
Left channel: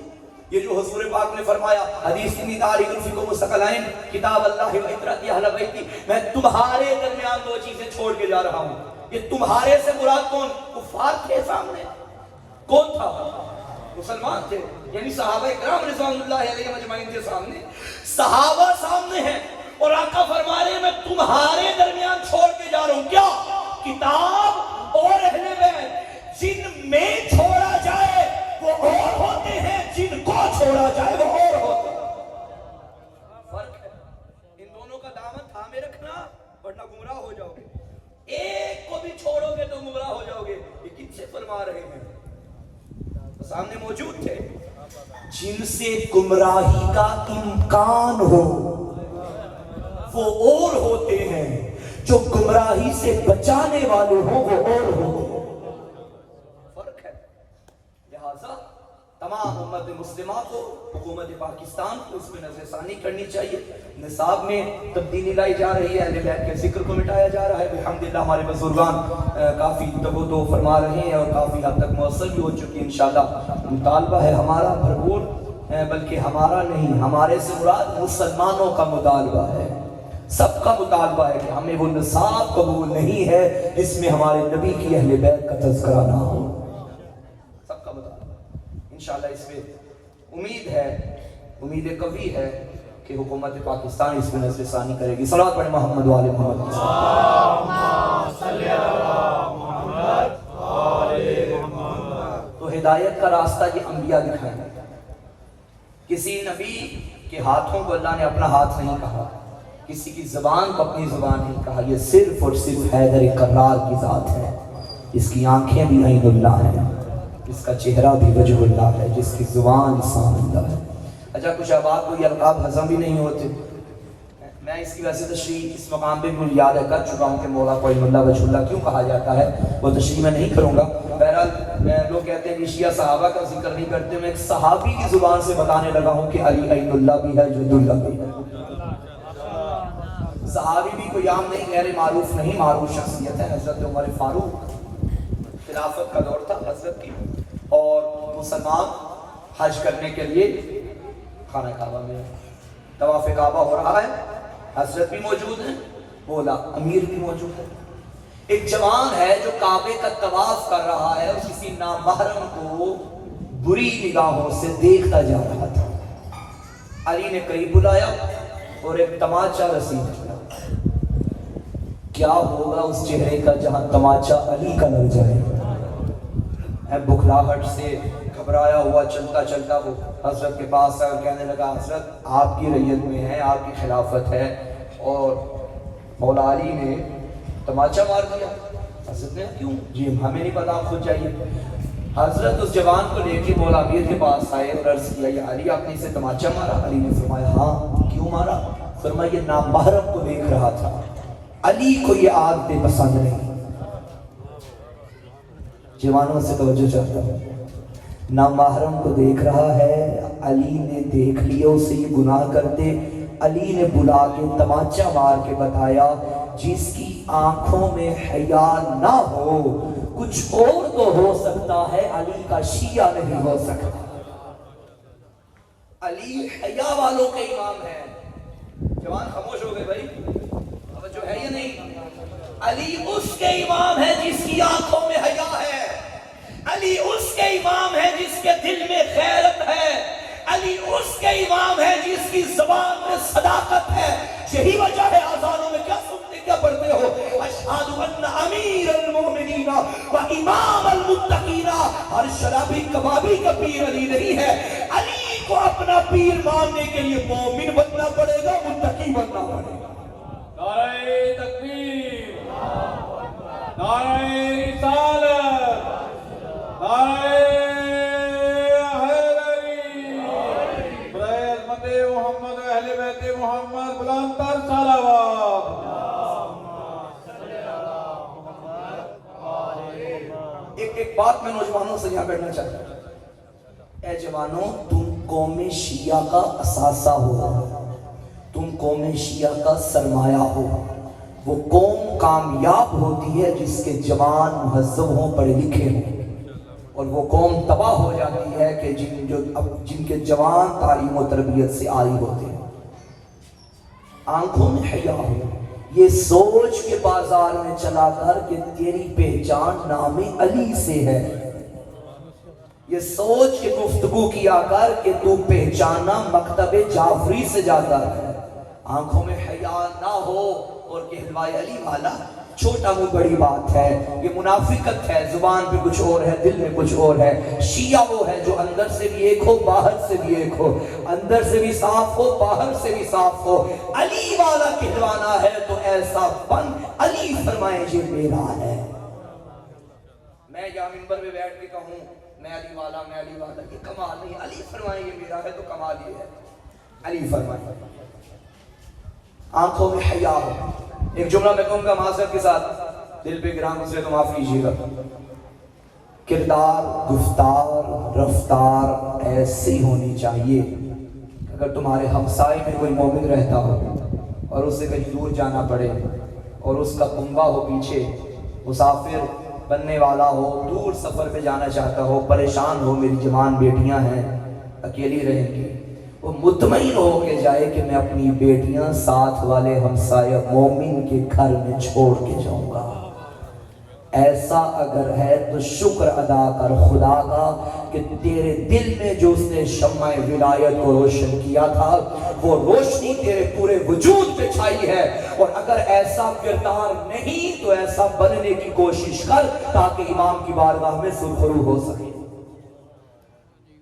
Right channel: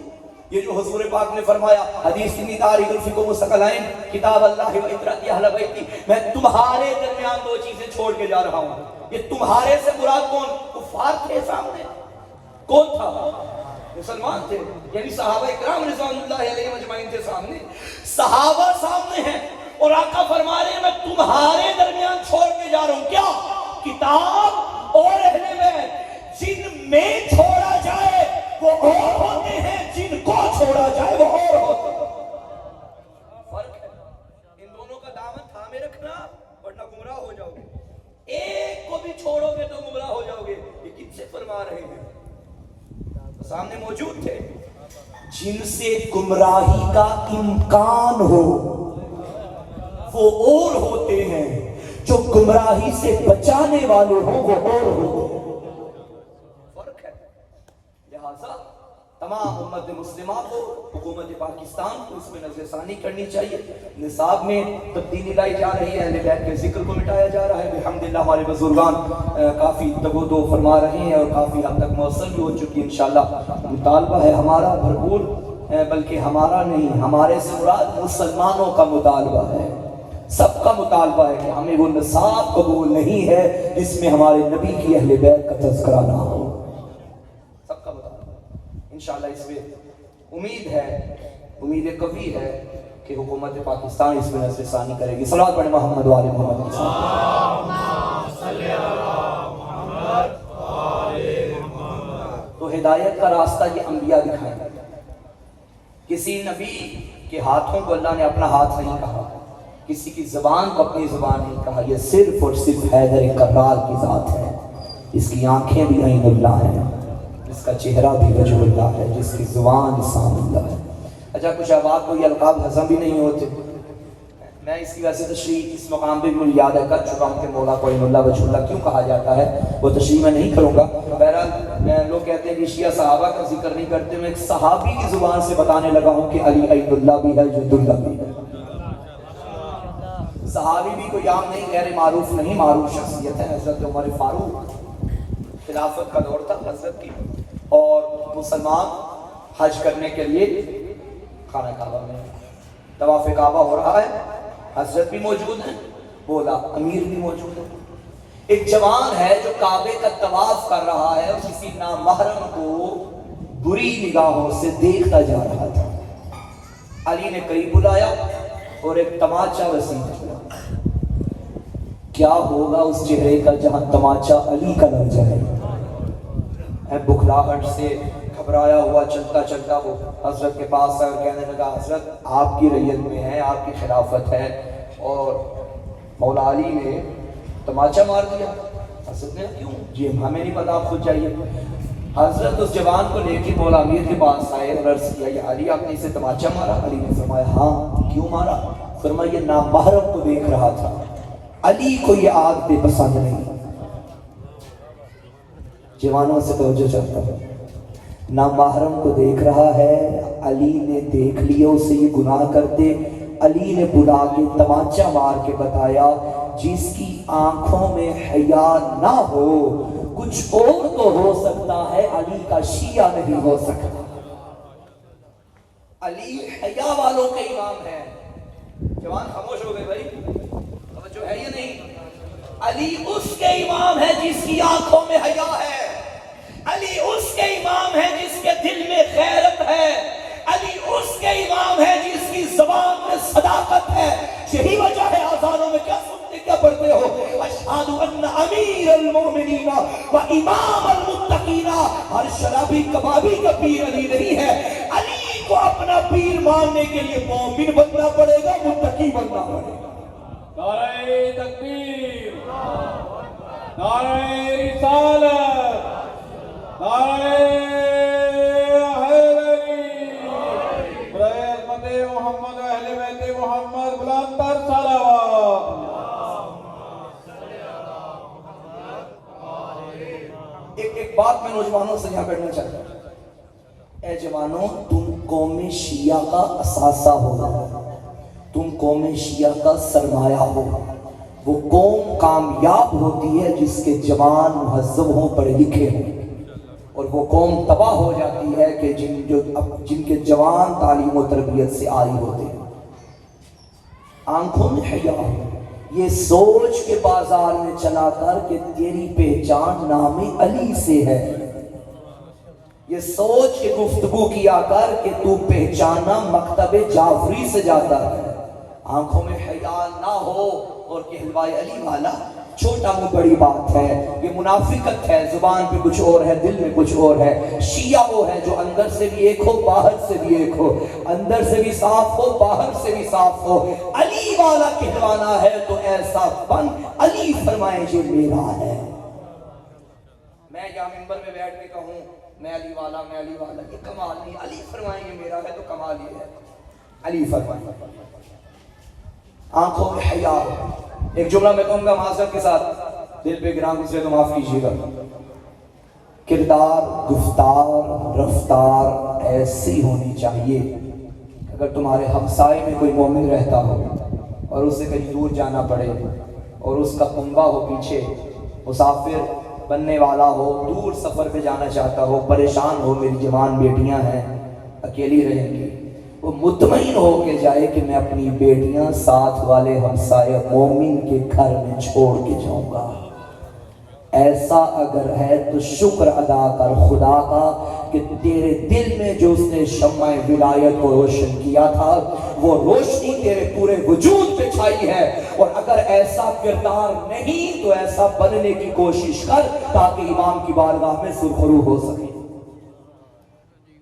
یہ جو حضور پاک نے فرمایا حدیث کی تاریخ الفقہ مستقلین کتاب اللہ و اطرت اہل بیتی، میں تمہارے درمیان 2 چیزیں چھوڑ کے جا رہا ہوں. یہ تمہارے سے مراد کون؟ کفار تھے سامنے. کون تھا؟ مسلمان تھے، یعنی صحابہ اکرام رضوان اللہ علیہ مجمعین تھے سامنے. صحابہ سامنے ہیں اور آقا فرما رہے ہیں میں تمہارے درمیان چھوڑ کے جا رہا ہوں. کیا؟ کتاب اور اہل بیت. جن میں چھوڑا جائے وہ اور ہوتے ہیں، جن کو چھوڑا جائے وہ اور ہوتے ہیں. فرق ہے. ان دونوں کا دامن تھامے رکھنا ورنہ گمراہ ہو جاؤ گے. ایک کو بھی چھوڑو گے تو گمراہ ہو جاؤ گے. یہ کن سے فرما رہے جن سے گمراہی کا امکان ہو وہ اور ہوتے ہیں، جو گمراہی سے بچانے والے ہوں وہ اور ہوتے ہیں۔ فرق ہے۔ لہذا تمام امت مسلمہ کو، حکومت پاکستان کو اس میں نظر ثانی کرنی چاہیے۔ نصاب میں تبدیلی لائی جا رہی ہے، اہل بیت کے ذکر کو مٹایا جا رہا ہے۔ الحمدللہ ہمارے بزرگان کافی تگ و دو فرما رہے ہیں اور کافی حد تک موصل بھی ہو چکی ہے۔ انشاءاللہ مطالبہ ہے ہمارا بھرپور، بلکہ ہمارا نہیں، ہمارے سے مراد مسلمانوں کا مطالبہ ہے، سب کا مطالبہ ہے کہ ہمیں وہ نصاب قبول نہیں ہے جس میں ہمارے نبی کی اہل بیت کا تذکرہ نہ ہو، سب کا مطالبہ۔ انشاءاللہ اس میں امید قوی ہے کہ حکومت پاکستان اس میں نظر ثانی کرے گی۔ صلوات پڑھیں محمد وآل محمد۔ تو ہدایت کا راستہ یہ انبیاء دکھائیں۔ کسی نبی کے ہاتھوں کو اللہ نے اپنا ہاتھ نہیں کہا، کسی کی زبان کو اپنی زبان نہیں کہا، یہ صرف اور صرف حیدر کرار کی ذات ہے، جس کی آنکھیں بھی عین اللہ ہیں، جس کا چہرہ بھی وجہ اللہ ہے، جس کی زبان لسان اللہ ہے۔ اچھا کچھ آباد کو یہ القاب ہضم بھی نہیں ہوتے، میں اس کی ویسے تشریح اس مقام پہ مجھے یاد ہے کر چکا ہوں کہ مولا کو عین اللہ وجہ اللہ کیوں کہا جاتا ہے، وہ تشریح میں نہیں کروں گا۔ بہرحال لوگ کہتے ہیں کہ شیعہ صحابہ کا ذکر نہیں کرتے، میں ایک صحابی کی زبان سے بتانے لگا ہوں کہ علی عین اللہ بھی ہے، جند اللہ بھی ہے۔ صحابی بھی کوئی عام نہیں، غیر معروف نہیں، معروف شخصیت ہے۔ حضرت عمر فاروق، خلافت کا دور تھا حضرت کی، اور مسلمان حج کرنے کے لیے خانہ کعبہ میں طواف کعبہ ہو رہا ہے، حضرت بھی موجود ہیں، بولا امیر بھی موجود ہے۔ ایک جوان ہے جو کعبے کا طواف کر رہا ہے اور کسی نامحرم کو بری نگاہوں سے دیکھتا جا رہا تھا۔ علی نے قریب بلایا اور ایک تماچا رسید کیا۔ کیا ہوگا اس چہرے کا جہاں تماچا علی کا لگ جائے؟ بکھراہٹ سے گھبرایا ہوا چلتا چلتا وہ حضرت کے پاس آیا، کہنے لگا حضرت آپ کی رعیت میں ہے، آپ کی خلافت ہے اور مولا علی نے تماچا مار دیا۔ حضرت نے کیوں؟ جی ہمیں نہیں پتا، آپ خود جائیے۔ حضرت اس جوان کو لے کے مولا امیر کے پاس آئے، عرض کیا کہ علی آپ نے اسے تماچا مارا؟ علی نے فرمایا ہاں، کیوں مارا؟ فرمایا یہ نامحرم کو دیکھ رہا تھا، علی کو یہ آگ بے پسند نہیں۔ جوانوں سے توجہ چاہتا ہوں، نامحرم کو دیکھ رہا ہے، علی نے دیکھ لیا اسے یہ گناہ کرتے، علی نے بلا کے تماچا مار کے بتایا جس کی آنکھوں میں حیا نہ ہو کچھ اور تو ہو سکتا ہے، علی کا شیعہ نہیں ہو سکتا۔ علی حیا والوں کے امام ہے۔ جوان خاموش ہو گئے بھائی، توجہ ہے یا نہیں؟ علی اس کے امام ہے جس کی آنکھوں میں حیا ہے، علی اس کے امام ہے جس کے دل میں غیرت ہے، علی اس کے امام ہے جس کی زبان میں صداقت ہے۔ یہی وجہ ہے آذانوں میں کیا سنتے کیا پڑھتے ہو؟ اشہد ان امیر المومنین و امام المتقین۔ ہر شرابی کبابی کا پیر علی نہیں ہے، علی کو اپنا پیر ماننے کے لیے مومن بننا پڑے گا، متقی بننا پڑے گا۔ نعرہ تکبیر، نعرہ رسالت، نعرہ حیدری، برائے عظمت محمد اہل بیت محمد بلند تر صلوات۔ ایک بات میں نوجوانوں سے یہاں بیٹھنا چاہتا ہوں، اے جوانوں تم قوم شیعہ کا اثاثہ ہو، تم قوم شیعہ کا سرمایہ ہو۔ وہ قوم کامیاب ہوتی ہے جس کے جوان مہذب ہوں، پڑھے لکھے ہوں، اور وہ قوم تباہ ہو جاتی ہے کہ جن کے جوان تعلیم و تربیت سے عاری ہوتے ہیں۔ آنکھوں میں حیا ہو، یہ سوچ کے بازار میں چلا کر کہ تیری پہچان نام علی سے ہے، یہ سوچ کے گفتگو کیا کر کہ تو پہچانا مکتب جعفری سے جاتا ہے۔ آنکھوں میں حیا نہ ہو اور کہلوائے علی والا، چھوٹا وہ بڑی بات ہے، یہ منافقت ہے، زبان پہ کچھ اور ہے، دل میں کچھ اور ہے۔ شیعہ وہ ہے جو اندر سے بھی ایک ہو، باہر سے بھی ایک ہو، اندر سے بھی صاف ہو، باہر سے بھی صاف ہو۔ علی والا کہلوانا ہے تو ایسا بن، علی فرمائے یہ میرا ہے۔ میں یہاں منبر میں بیٹھ کے کہوں میں علی والا یہ کمال نہیں. علی فرمائیں یہ میرا ہے تو کمال یہ ہے. علی فرمائیں آنکھوں میں حیا. ایک جملہ میں کہوں گا معذرت کے ساتھ, دل پہ گرام اسے تو معاف کیجیے گا. کردار, گفتار, رفتار ایسی ہونی چاہیے اگر تمہارے ہمسائے میں کوئی مومن رہتا ہو اور اسے کہیں دور جانا پڑے اور اس کا کنبہ ہو پیچھے, مسافر بننے والا ہو, دور سفر پہ جانا چاہتا ہو, پریشان ہو, میری جوان بیٹیاں ہیں اکیلی رہیں گی, وہ مطمئن ہو کے جائے کہ میں اپنی بیٹیاں ساتھ والے ہمسائے مومن کے گھر میں چھوڑ کے جاؤں گا. ایسا اگر ہے تو شکر ادا کر خدا کا کہ تیرے دل میں جو اس نے شمع ولایت کو روشن کیا تھا وہ روشنی تیرے پورے وجود پہ چھائی ہے. اور اگر ایسا کردار نہیں تو ایسا بننے کی کوشش کر تاکہ امام کی بارگاہ میں سرخرو ہو سکے.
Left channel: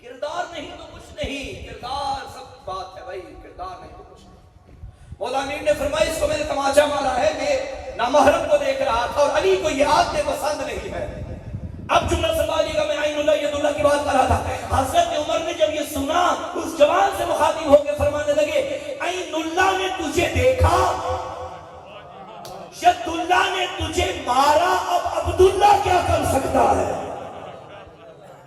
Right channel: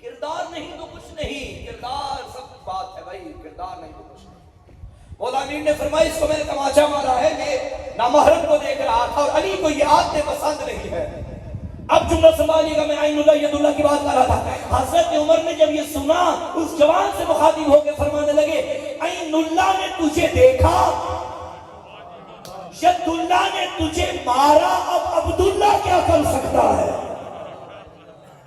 کردار نہیں تو کچھ نہیں, کردار سب بات ہے بھائی, کردار نہیں تو کچھ نہیں. مولا امین نے فرمایا اس کو میں نے تماشا مارا ہے کہ نامحرم کو دیکھ رہا تھا اور علی کو یہ آدمی پسند نہیں ہے. اب جملہ سنبھالیے گا, میں عین اللہ ید اللہ کی بات کر رہا تھا. حضرت عمر نے جب یہ سنا اس جوان سے مخاطب ہو کے فرمانے لگے عین اللہ نے تجھے دیکھا, ید اللہ نے تجھے مارا, اب عبداللہ کیا کر سکتا ہے.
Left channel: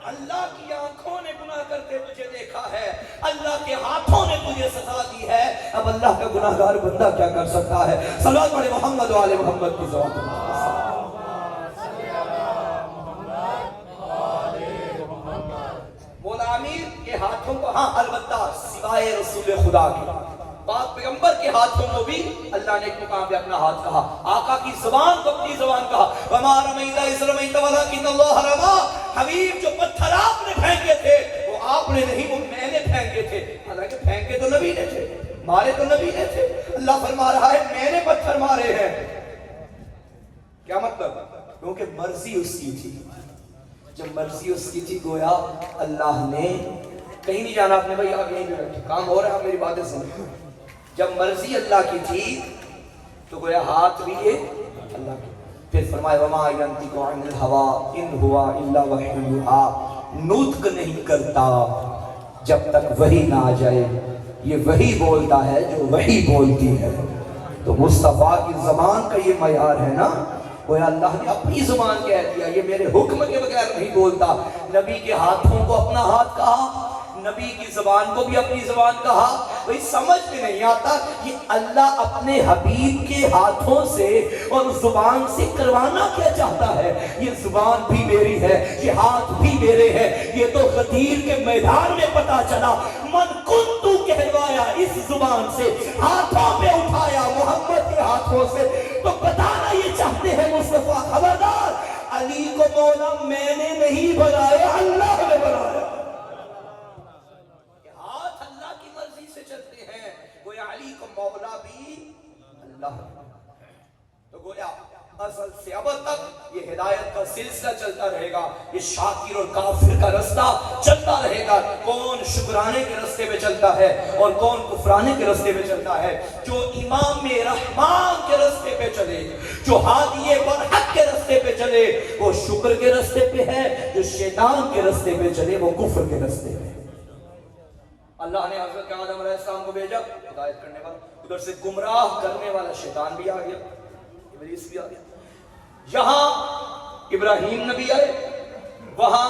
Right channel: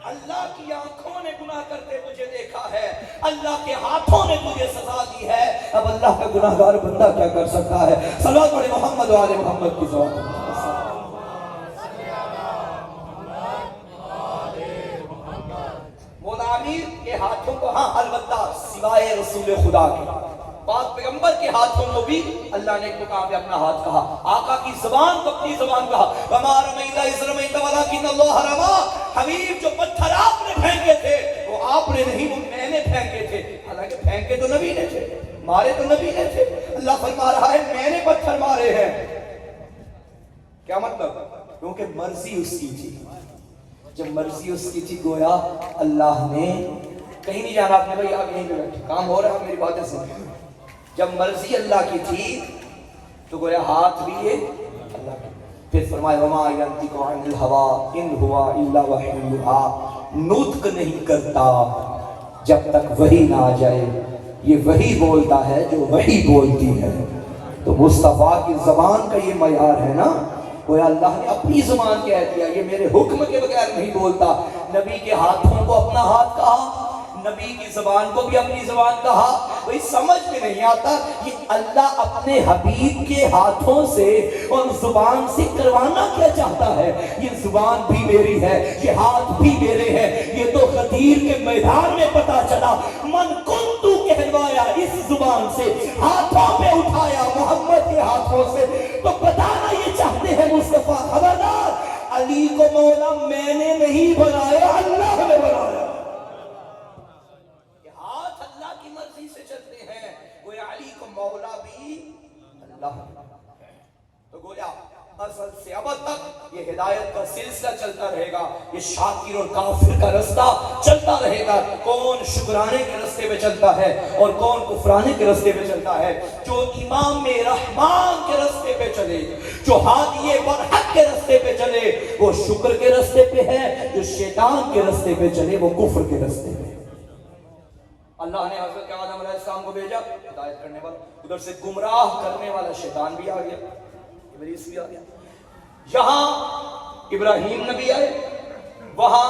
اللہ کی آنکھوں نے گناہ کرتے تجھے دیکھا ہے, اللہ کے ہاتھوں نے تجھے سزا دی ہے, اب اللہ کا گناہگار بندہ کیا کر سکتا ہے. صلوات پڑھے محمد و آل محمد کی صلوات. مولا امیر کے ہاتھوں کو ہاں البتہ سوائے رسول خدا کے پاک پیغمبر کے ہاتھوں کو بھی اللہ نے ایک مقام پہ اپنا ہاتھ کہا. آقا کی زبان کو اپنی زبان کہا وما رمیت اذ رمیت ولکن اللہ رمی. حبیب جو پتھر آپ نے پھینکے تھے وہ آپ نے نہیں, وہ میں نے پھینکے تھے. حالانکہ پھینکے تو نبی نے تھے, مارے تو نبی نے تھے. اللہ فرما رہا ہے میں نے پتھر مارے ہیں. کیا مطلب؟ کیونکہ مرضی اس کی تھی. جب مرضی اس کی تھی گویا اللہ نے کہیں نہیں جانا اپنے بھائی آپ یہیں پہ بیٹھے, کام ہو رہا ہے, آپ میری باتیں سنیں. جب مرضی اللہ کی تھی تو گویا ہاتھ بھی یہ اللہ کی. پھر فرمایا وما ینطق عن الہوی ان ہوا الا وحی یوحی, نطق نہیں کرتا جب تک وحی نہ آ جائے. یہ وحی بولتا ہے جو وحی بولتی ہے. تو مصطفیٰ کی زبان کا یہ معیار ہے نا, گویا اللہ نے اپنی زبان کہہ دیا یہ میرے حکم کے بغیر نہیں بولتا. نبی کے ہاتھوں کو اپنا ہاتھ کہا, نبی کی زبان کو بھی اپنی زبان کہا. وہی سمجھ میں نہیں آتا یہ اللہ اپنے حبیب کے ہاتھوں سے اور زبان سے کروانا کیا چاہتا ہے. یہ زبان بھی میری ہے, یہ ہاتھ بھی میرے ہیں. یہ تو غدیر کے میدان میں پتا چلا من کنتو کہلوایا اس زبان سے, ہاتھوں میں اٹھایا محمد کے ہاتھوں سے. تو بتانا یہ چاہتے ہیں مصطفیٰ خبردار علی کو مولا میں نے نہیں بنایا, اللہ نے بنایا. اصل سے ابد تک یہ ہدایت کا سلسلہ چلتا رہے گا, یہ شاکر اور کافر کا رستہ چلتا رہے گا. کون شکرانے کے رستے پہ چلتا ہے اور کون کفرانے کے رستے پہ چلتا ہے. جو امام رحمان کے رستے پہ چلے, جو ہادی برحق کے رستے پہ چلے وہ شکر کے رستے پہ ہے, جو شیطان کے رستے پہ چلے وہ کفر کے رستے پہ. اللہ نے حضرت آدم علیہ السلام کو بھیجا ہدایت کرنے والا, ادھر سے گمراہ کرنے والا شیطان بھی آ گیا, ابلیس بھی آ گیا. یہاں ابراہیم نبی آئے, وہاں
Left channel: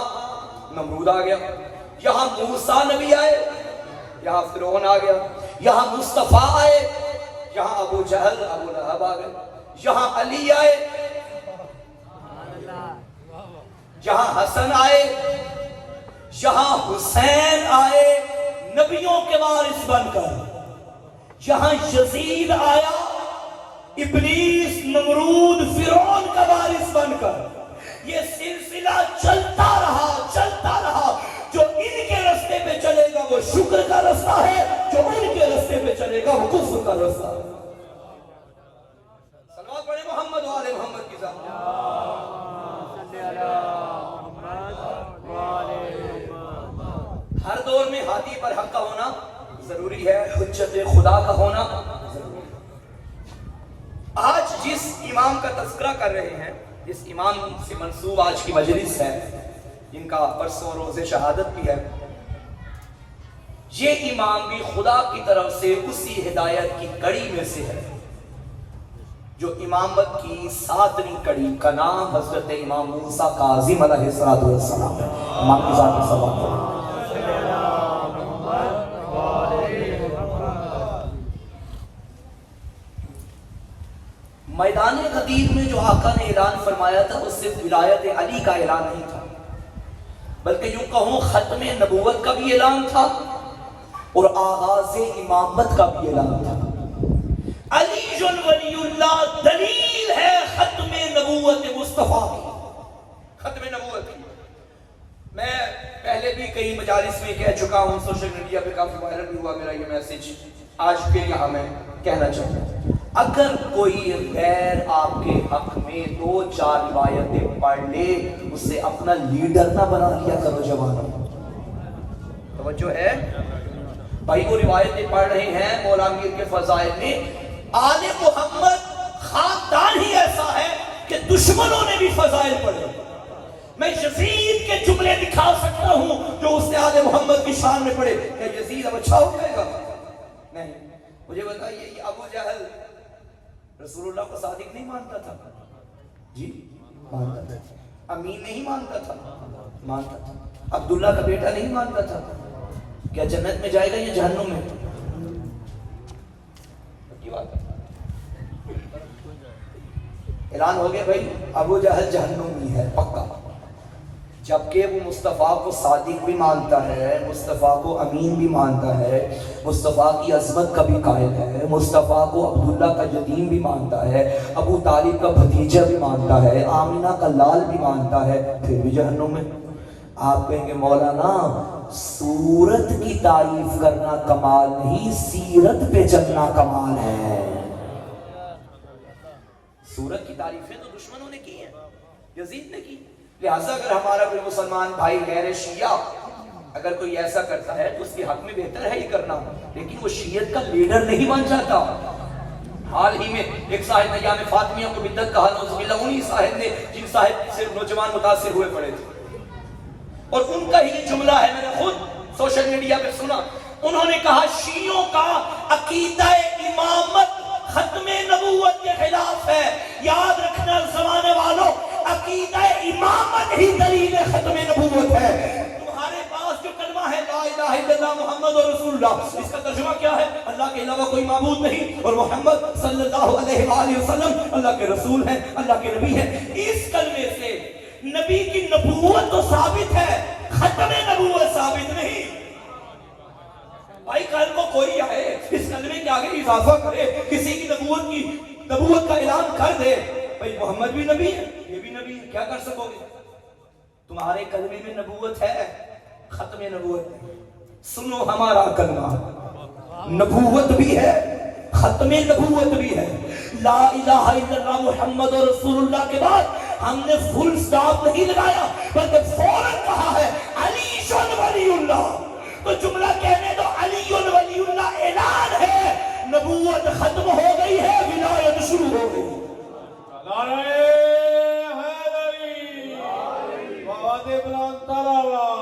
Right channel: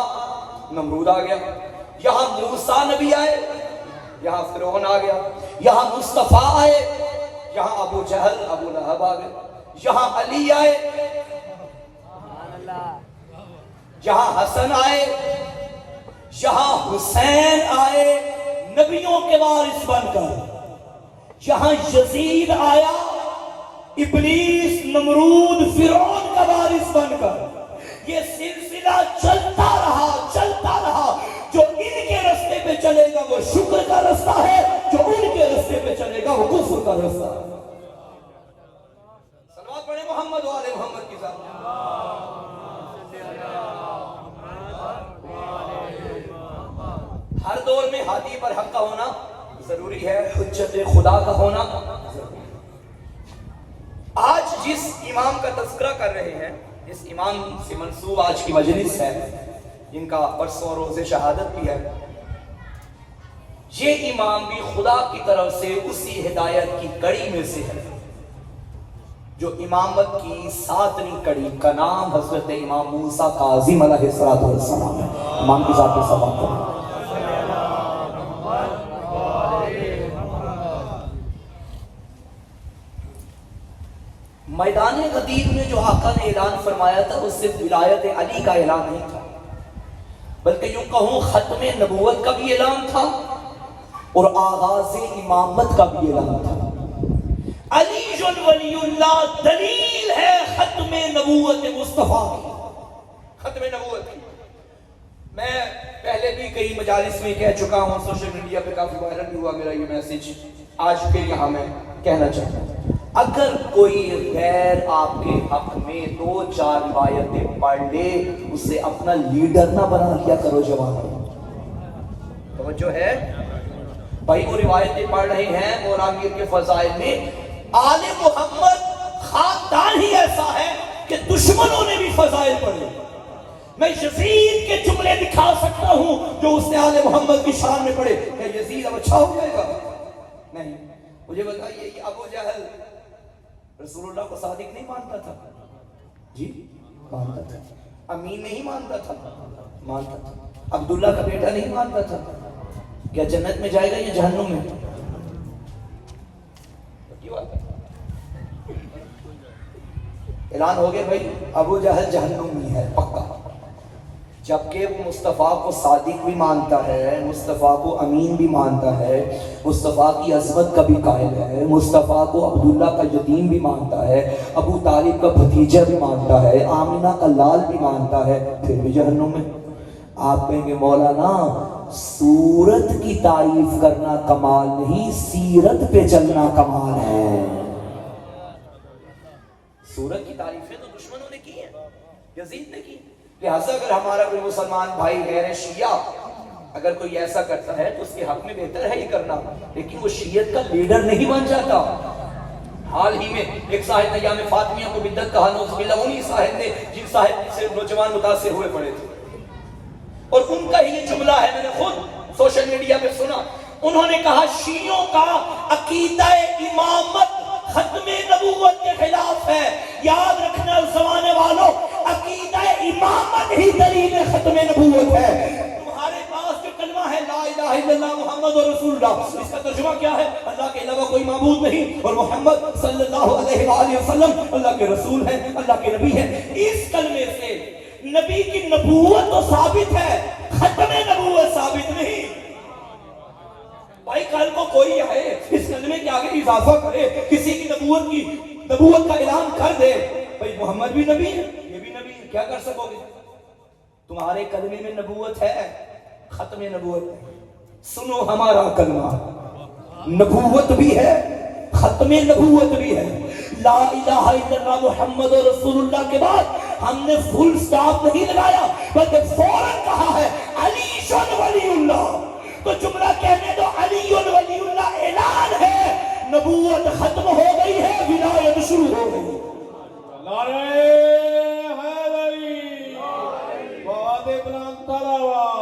نمرود آ گیا. یہاں موسیٰ نبی آئے, یہاں فرعون آ گیا. یہاں مصطفیٰ آئے, یہاں ابو جہل ابو لہب آ گئے. یہاں علی آئے, یہاں حسن آئے, یہاں حسین آئے نبیوں کے وارث بن کر. یہاں یزید آیا, ابلیس نمرود فرعون کا وارث بن کر. یہ سلسلہ چلتا رہا. جو ان کے رستے پہ چلے گا وہ شکر کا رستہ ہے, جو ان کے رستے پہ چلے گا وہ کفر کا رستہ ہے. صلوات پڑھیں محمد و آل محمد کی ذات. ہر دور میں ہادی پر حق کا ہونا ضروری ہے, حجت خدا کا ہونا. آج جس امام کا تذکرہ کر رہے ہیں, اس امام سے منسوب آج کی مجلس ہے, جن کا پرسوں روز شہادت بھی ہے، یہ امام بھی خدا کی طرف سے اسی ہدایت کی کڑی میں سے ہے جو امامت کی 7ویں کڑی کا نام حضرت امام موسیٰ کاظم علیہ السلام ہے۔ امام کی ذات پر سلام کریں۔ میدان غدیر میں جو آقا نے اعلان فرمایا تھا اس سے ولایت علی کا اعلان نہیں تھا، بلکہ یوں کہوں ختم نبوت کا بھی اعلان تھا اور آغاز امامت کا بھی اعلان تھا۔ علی ولی اللہ دلیل ہے ختم نبوت مصطفیٰ کی، ختم نبوت کی۔ میں پہلے بھی کئی مجالس میں کہہ چکا ہوں، سوشل میڈیا پہ کافی وائرل بھی ہوا میرا یہ میسج، آج پھر یہاں میں کہنا چاہتا ہوں، اگر کوئی غیر آپ کے حق میں 2-4 روایتیں پڑھ لے اسے اپنا لیڈر نہ بنا لیا کرو جوانوں۔ توجہ ہے بھائی، وہ روایتیں پڑھ رہے ہیں مولا میر کے فضائل میں، آل محمد خاندان ہی ایسا ہے کہ دشمنوں نے بھی فضائل پڑھے۔ میں یزید کے جملے دکھا سکتا ہوں جو اس نے آل محمد کی شان میں پڑھے۔ کیا یزید اب اچھا ہو جائے گا؟ نہیں۔ مجھے بتائیے کہ ابو جہل رسول اللہ کو صادق نہیں مانتا تھا؟ جی مانتا تھا۔ امین نہیں مانتا تھا؟ مانتا تھا۔ عبداللہ کا بیٹا نہیں مانتا تھا؟ کیا جنت میں جائے گا یا جہنم میں؟ کی بات ہے، اعلان ہو گیا بھائی ابو جہل جہنم میں ہے پکا، جبکہ وہ مصطفیٰ کو صادق بھی مانتا ہے، مصطفیٰ کو امین بھی مانتا ہے، مصطفیٰ کی عظمت کا بھی قائل ہے، مصطفیٰ کو عبداللہ کا یتیم بھی مانتا ہے، ابو طالب کا بھتیجا بھی مانتا ہے، آمنہ کا لال بھی مانتا ہے، پھر بھی جہنم میں۔ آپ کہیں گے مولانا صورت کی تعریف کرنا کمال نہیں، سیرت پہ چلنا کمال ہے۔ صورت کی تعریفیں تو دشمنوں نے کی ہیں، یزید نے کی، لہٰذا اگر ہمارا کوئی مسلمان بھائی غیر شیعہ اگر کوئی ایسا کرتا ہے تو اس کے حق میں بہتر ہے یہ کرنا، لیکن وہ شیعت کا لیڈر نہیں بن جاتا۔ حال ہی میں ایک صاحب ایام فاطمیہ کو بدعت کہا، نعوذ باللہ، انہی صاحب نے جن صاحب سے نوجوان متاثر ہوئے پڑے تھے، اور ان کا یہ جملہ ہے، میں نے خود سوشل میڈیا پہ سنا، انہوں نے کہا شیعوں کا عقیدہ امامت ختم نبوت کے خلاف ہے۔ یاد رکھنا زمانے والوں، عقیدہ امامت ہی دلیل ختم نبوت ہے۔ تمہارے پاس جو کلمہ ہے لا الہ الا اللہ محمد رسول اللہ، اس کا ترجمہ کیا ہے؟ اللہ کے علاوہ کوئی معبود نہیں اور محمد صلی اللہ علیہ وآلہ وسلم اللہ کے رسول ہیں، اللہ کے نبی ہیں۔ اس کلمے سے نبی کی نبوت تو ثابت ہے، ختم نبوت ثابت نہیں۔ بھائی کل کو کوئی آئے اس کلمے کے آگے اضافہ کرے، کسی کی نبوت کا اعلان کر دے، بھائی محمد بھی نبی ہے یہ بھی نبی ہے، کیا کر سکو گے؟ تمہارے کلمے میں نبوت ہے، ختم نبوت ہے۔ سنو ہمارا کلمہ، نبوت بھی ہے، ختم نبوت بھی ہے۔ لا الہ الا اللہ محمد رسول اللہ کے بعد ہم نے فل سٹاپ نہیں لگایا، بلکہ فوراً کہا ہے علی ولی اللہ۔ تو جملہ کہنے دو، علی ولی اللہ اعلان ہے، نبوت ختم ہو گئی ہے، ولایت شروع ہو گئی۔ نعرہ حیدری، باد بلند تلاوت۔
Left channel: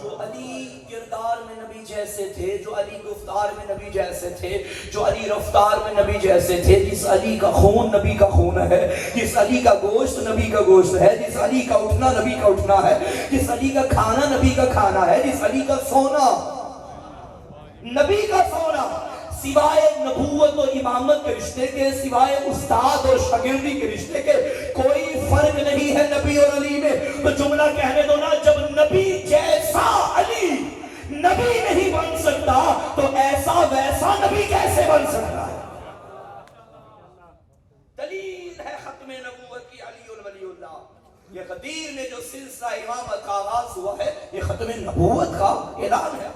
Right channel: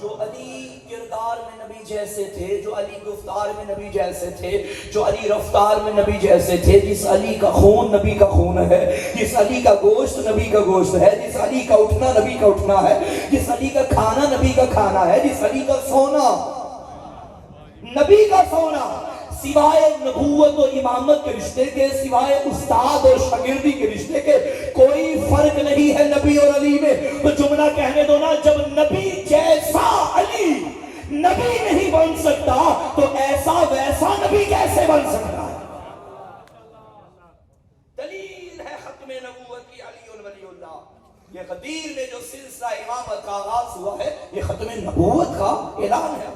جو علی کردار میں نبی جیسے تھے، جو علی گفتار میں نبی جیسے تھے، جو علی رفتار میں نبی جیسے تھے، جس علی کا خون نبی کا خون ہے، جس علی کا گوشت نبی کا گوشت ہے، جس علی کا اٹھنا نبی کا اٹھنا ہے، جس علی کا کھانا نبی کا کھانا ہے، جس علی کا سونا نبی کا سونا، سوائے نبوت و امامت کے رشتے کے، سوائے استاد اور شاگردی کے رشتے کے کوئی فرق نہیں ہے نبی اور علی میں۔ تو جملہ کہنے دو نا، جب نبی جیسا علی نبی نہیں بن سکتا تو ایسا ویسا نبی کیسے بن سکتا ہے؟ دلیل ہے ختم نبوت کی علی ولی اللہ۔ یہ غدیر میں جو سلسلہ امامت کا آغاز ہوا ہے یہ ختم نبوت کا اعلان ہے۔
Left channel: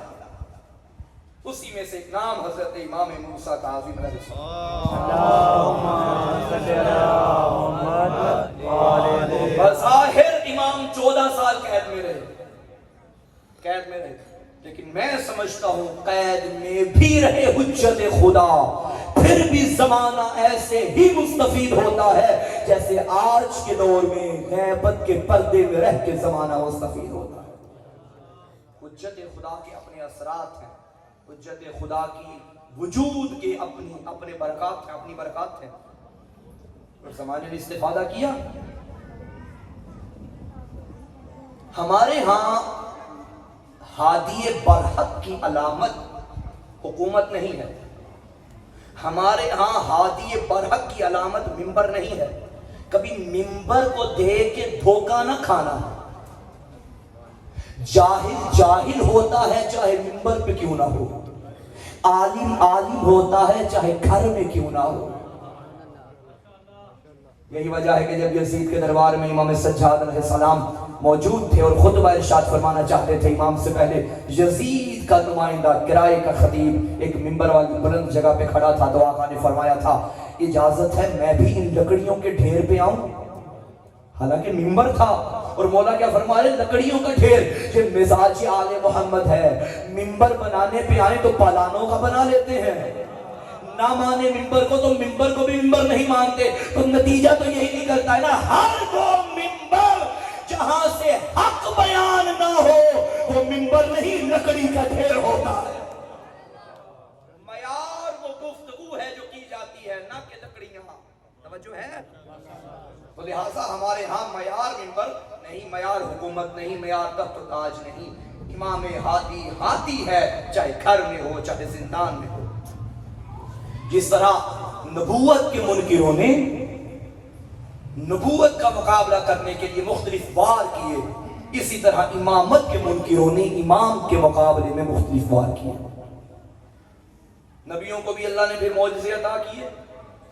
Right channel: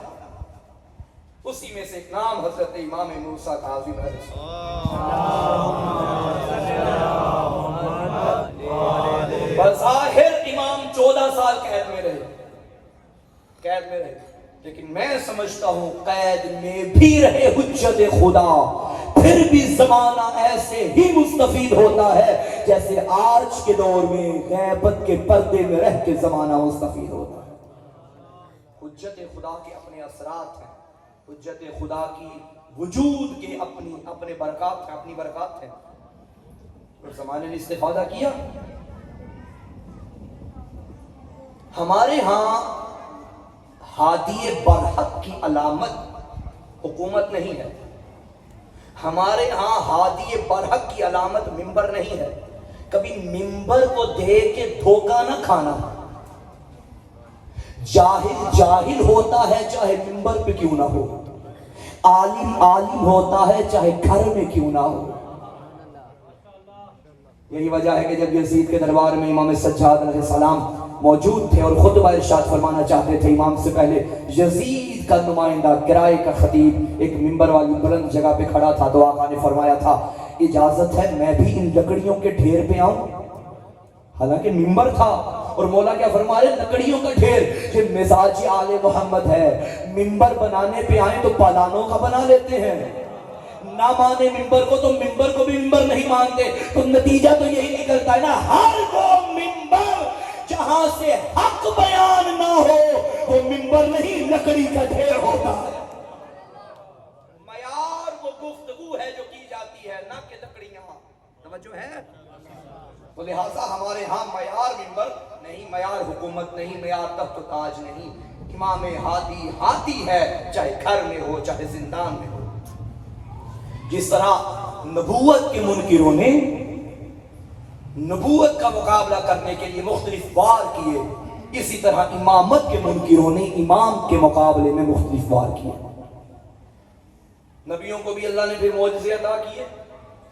اسی میں سے ایک نام حضرت امام موسیٰ کاظم علیہ السلام۔ بظاہر امام 14 سال قید میں رہے، لیکن میں سمجھتا ہوں قید میں بھی رہے حجت خدا، پھر بھی زمانہ ایسے ہی مستفید ہوتا ہے جیسے آج کے دور میں غیبت کے پردے میں رہ کے زمانہ مستفید ہوتا ہے۔ حجت خدا کے اپنے اثرات ہیں، حجت خدا کی وجود کے اپنے برکات ہیں، اپنی برکات ہیں، اور زمانے نے استفادہ کیا۔ ہمارے ہاں ہادی برحق کی علامت حکومت نہیں ہے، ہمارے ہاں ہادی برحق کی علامت منبر نہیں ہے۔ کبھی منبر کو دیکھ کے دھوکہ نہ کھانا۔ جاہل جاہل ہوتا ہے چاہے منبر پہ کیوں نہ ہو، عالم عالم ہوتا ہے چاہے گھر میں کیوں نہ ہو۔ یہی وجہ ہے کہ جب یزید کے دربار میں امام سجاد علیہ السلام موجود تھے اور خطبہ ارشاد فرمانا چاہتے تھے، امام سے پہلے یزید کا نمائندہ کرائے کا خطیب ایک منبر والی بلند جگہ پہ کھڑا تھا، تو آقا نے فرمایا تھا اجازت ہے میں بھی ان لکڑیوں کے ڈھیر پہ آؤں؟ حالانکہ منبر تھا، اور مولا کیا فرما رہے؟ لکڑیوں کا ڈھیر۔ یہ مزاج آل محمد ہے، منبر بنانے پہ آئے تو پالانوں کا بنا لیتے ہیں، نہ مانے منبر کو تو منبر کو بھی منبر نہیں مانتے، تو نتیجہ تو یہی نکلتا ہے نا، ہر وہ منبر جہاں سے حق بیان نہ ہو وہ منبر نہیں لکڑی کا ڈھیر ہوتا ہے۔ معیار وہ گفتگو ہے جو کی جاتی ہے، نہ کہ لکڑیاں۔ توجہ ہے؟ تو لہٰذا ہمارے ہاں معیار منبر نہیں، معیار حکومت نہیں، معیار تخت و تاج نہیں۔ امام ہادی ہادی ہے، چاہے گھر میں ہو چاہے زندان میں ہو۔ جس طرح نبوت کے منکروں نے نبوت کا مقابلہ کرنے کے لیے مختلف وار کیے، اسی طرح امامت کے منکروں نے امام کے مقابلے میں مختلف وار کیے۔ نبیوں کو بھی اللہ نے بھی معجزے عطا کیے،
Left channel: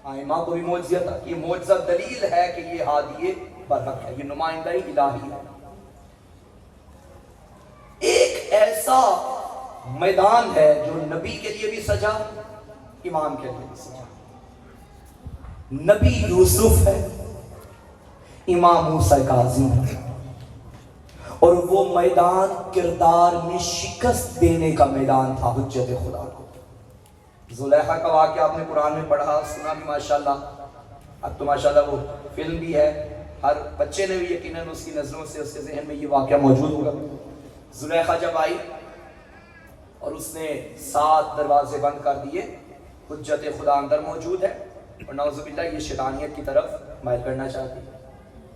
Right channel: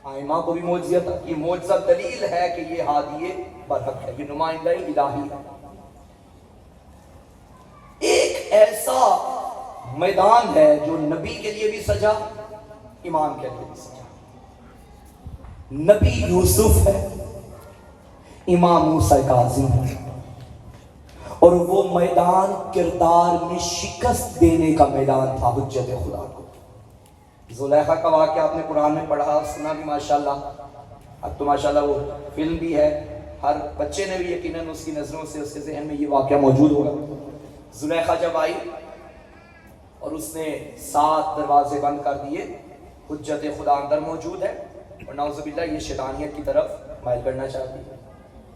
ائمہ کو بھی معجزے عطا کیے۔ معجزہ دلیل ہے کہ یہ ہادی برحق ہے، یہ نمائندہ الہی ہے۔ ایک ایسا میدان ہے جو نبی کے لیے بھی سجا، امام کے لیے بھی سجا۔ نبی یوسف ہے، امام موسیٰ کاظم ہے، اور وہ میدان کردار میں شکست دینے کا میدان تھا حجت خدا کو۔ زلیخا کا واقعہ آپ نے قرآن میں پڑھا سنا بھی ماشاءاللہ، اب تو ماشاءاللہ وہ فلم بھی ہے، ہر بچے نے بھی یقیناً اس کی نظروں سے اس کے ذہن میں یہ واقعہ موجود ہوگا۔ زلیخا جب آئی اور اس نے 7 دروازے بند کر دیے، حجت خدا اندر موجود ہے اور نعوذ باللہ یہ شیطانیت کی طرف مائل کرنا چاہتی ہے،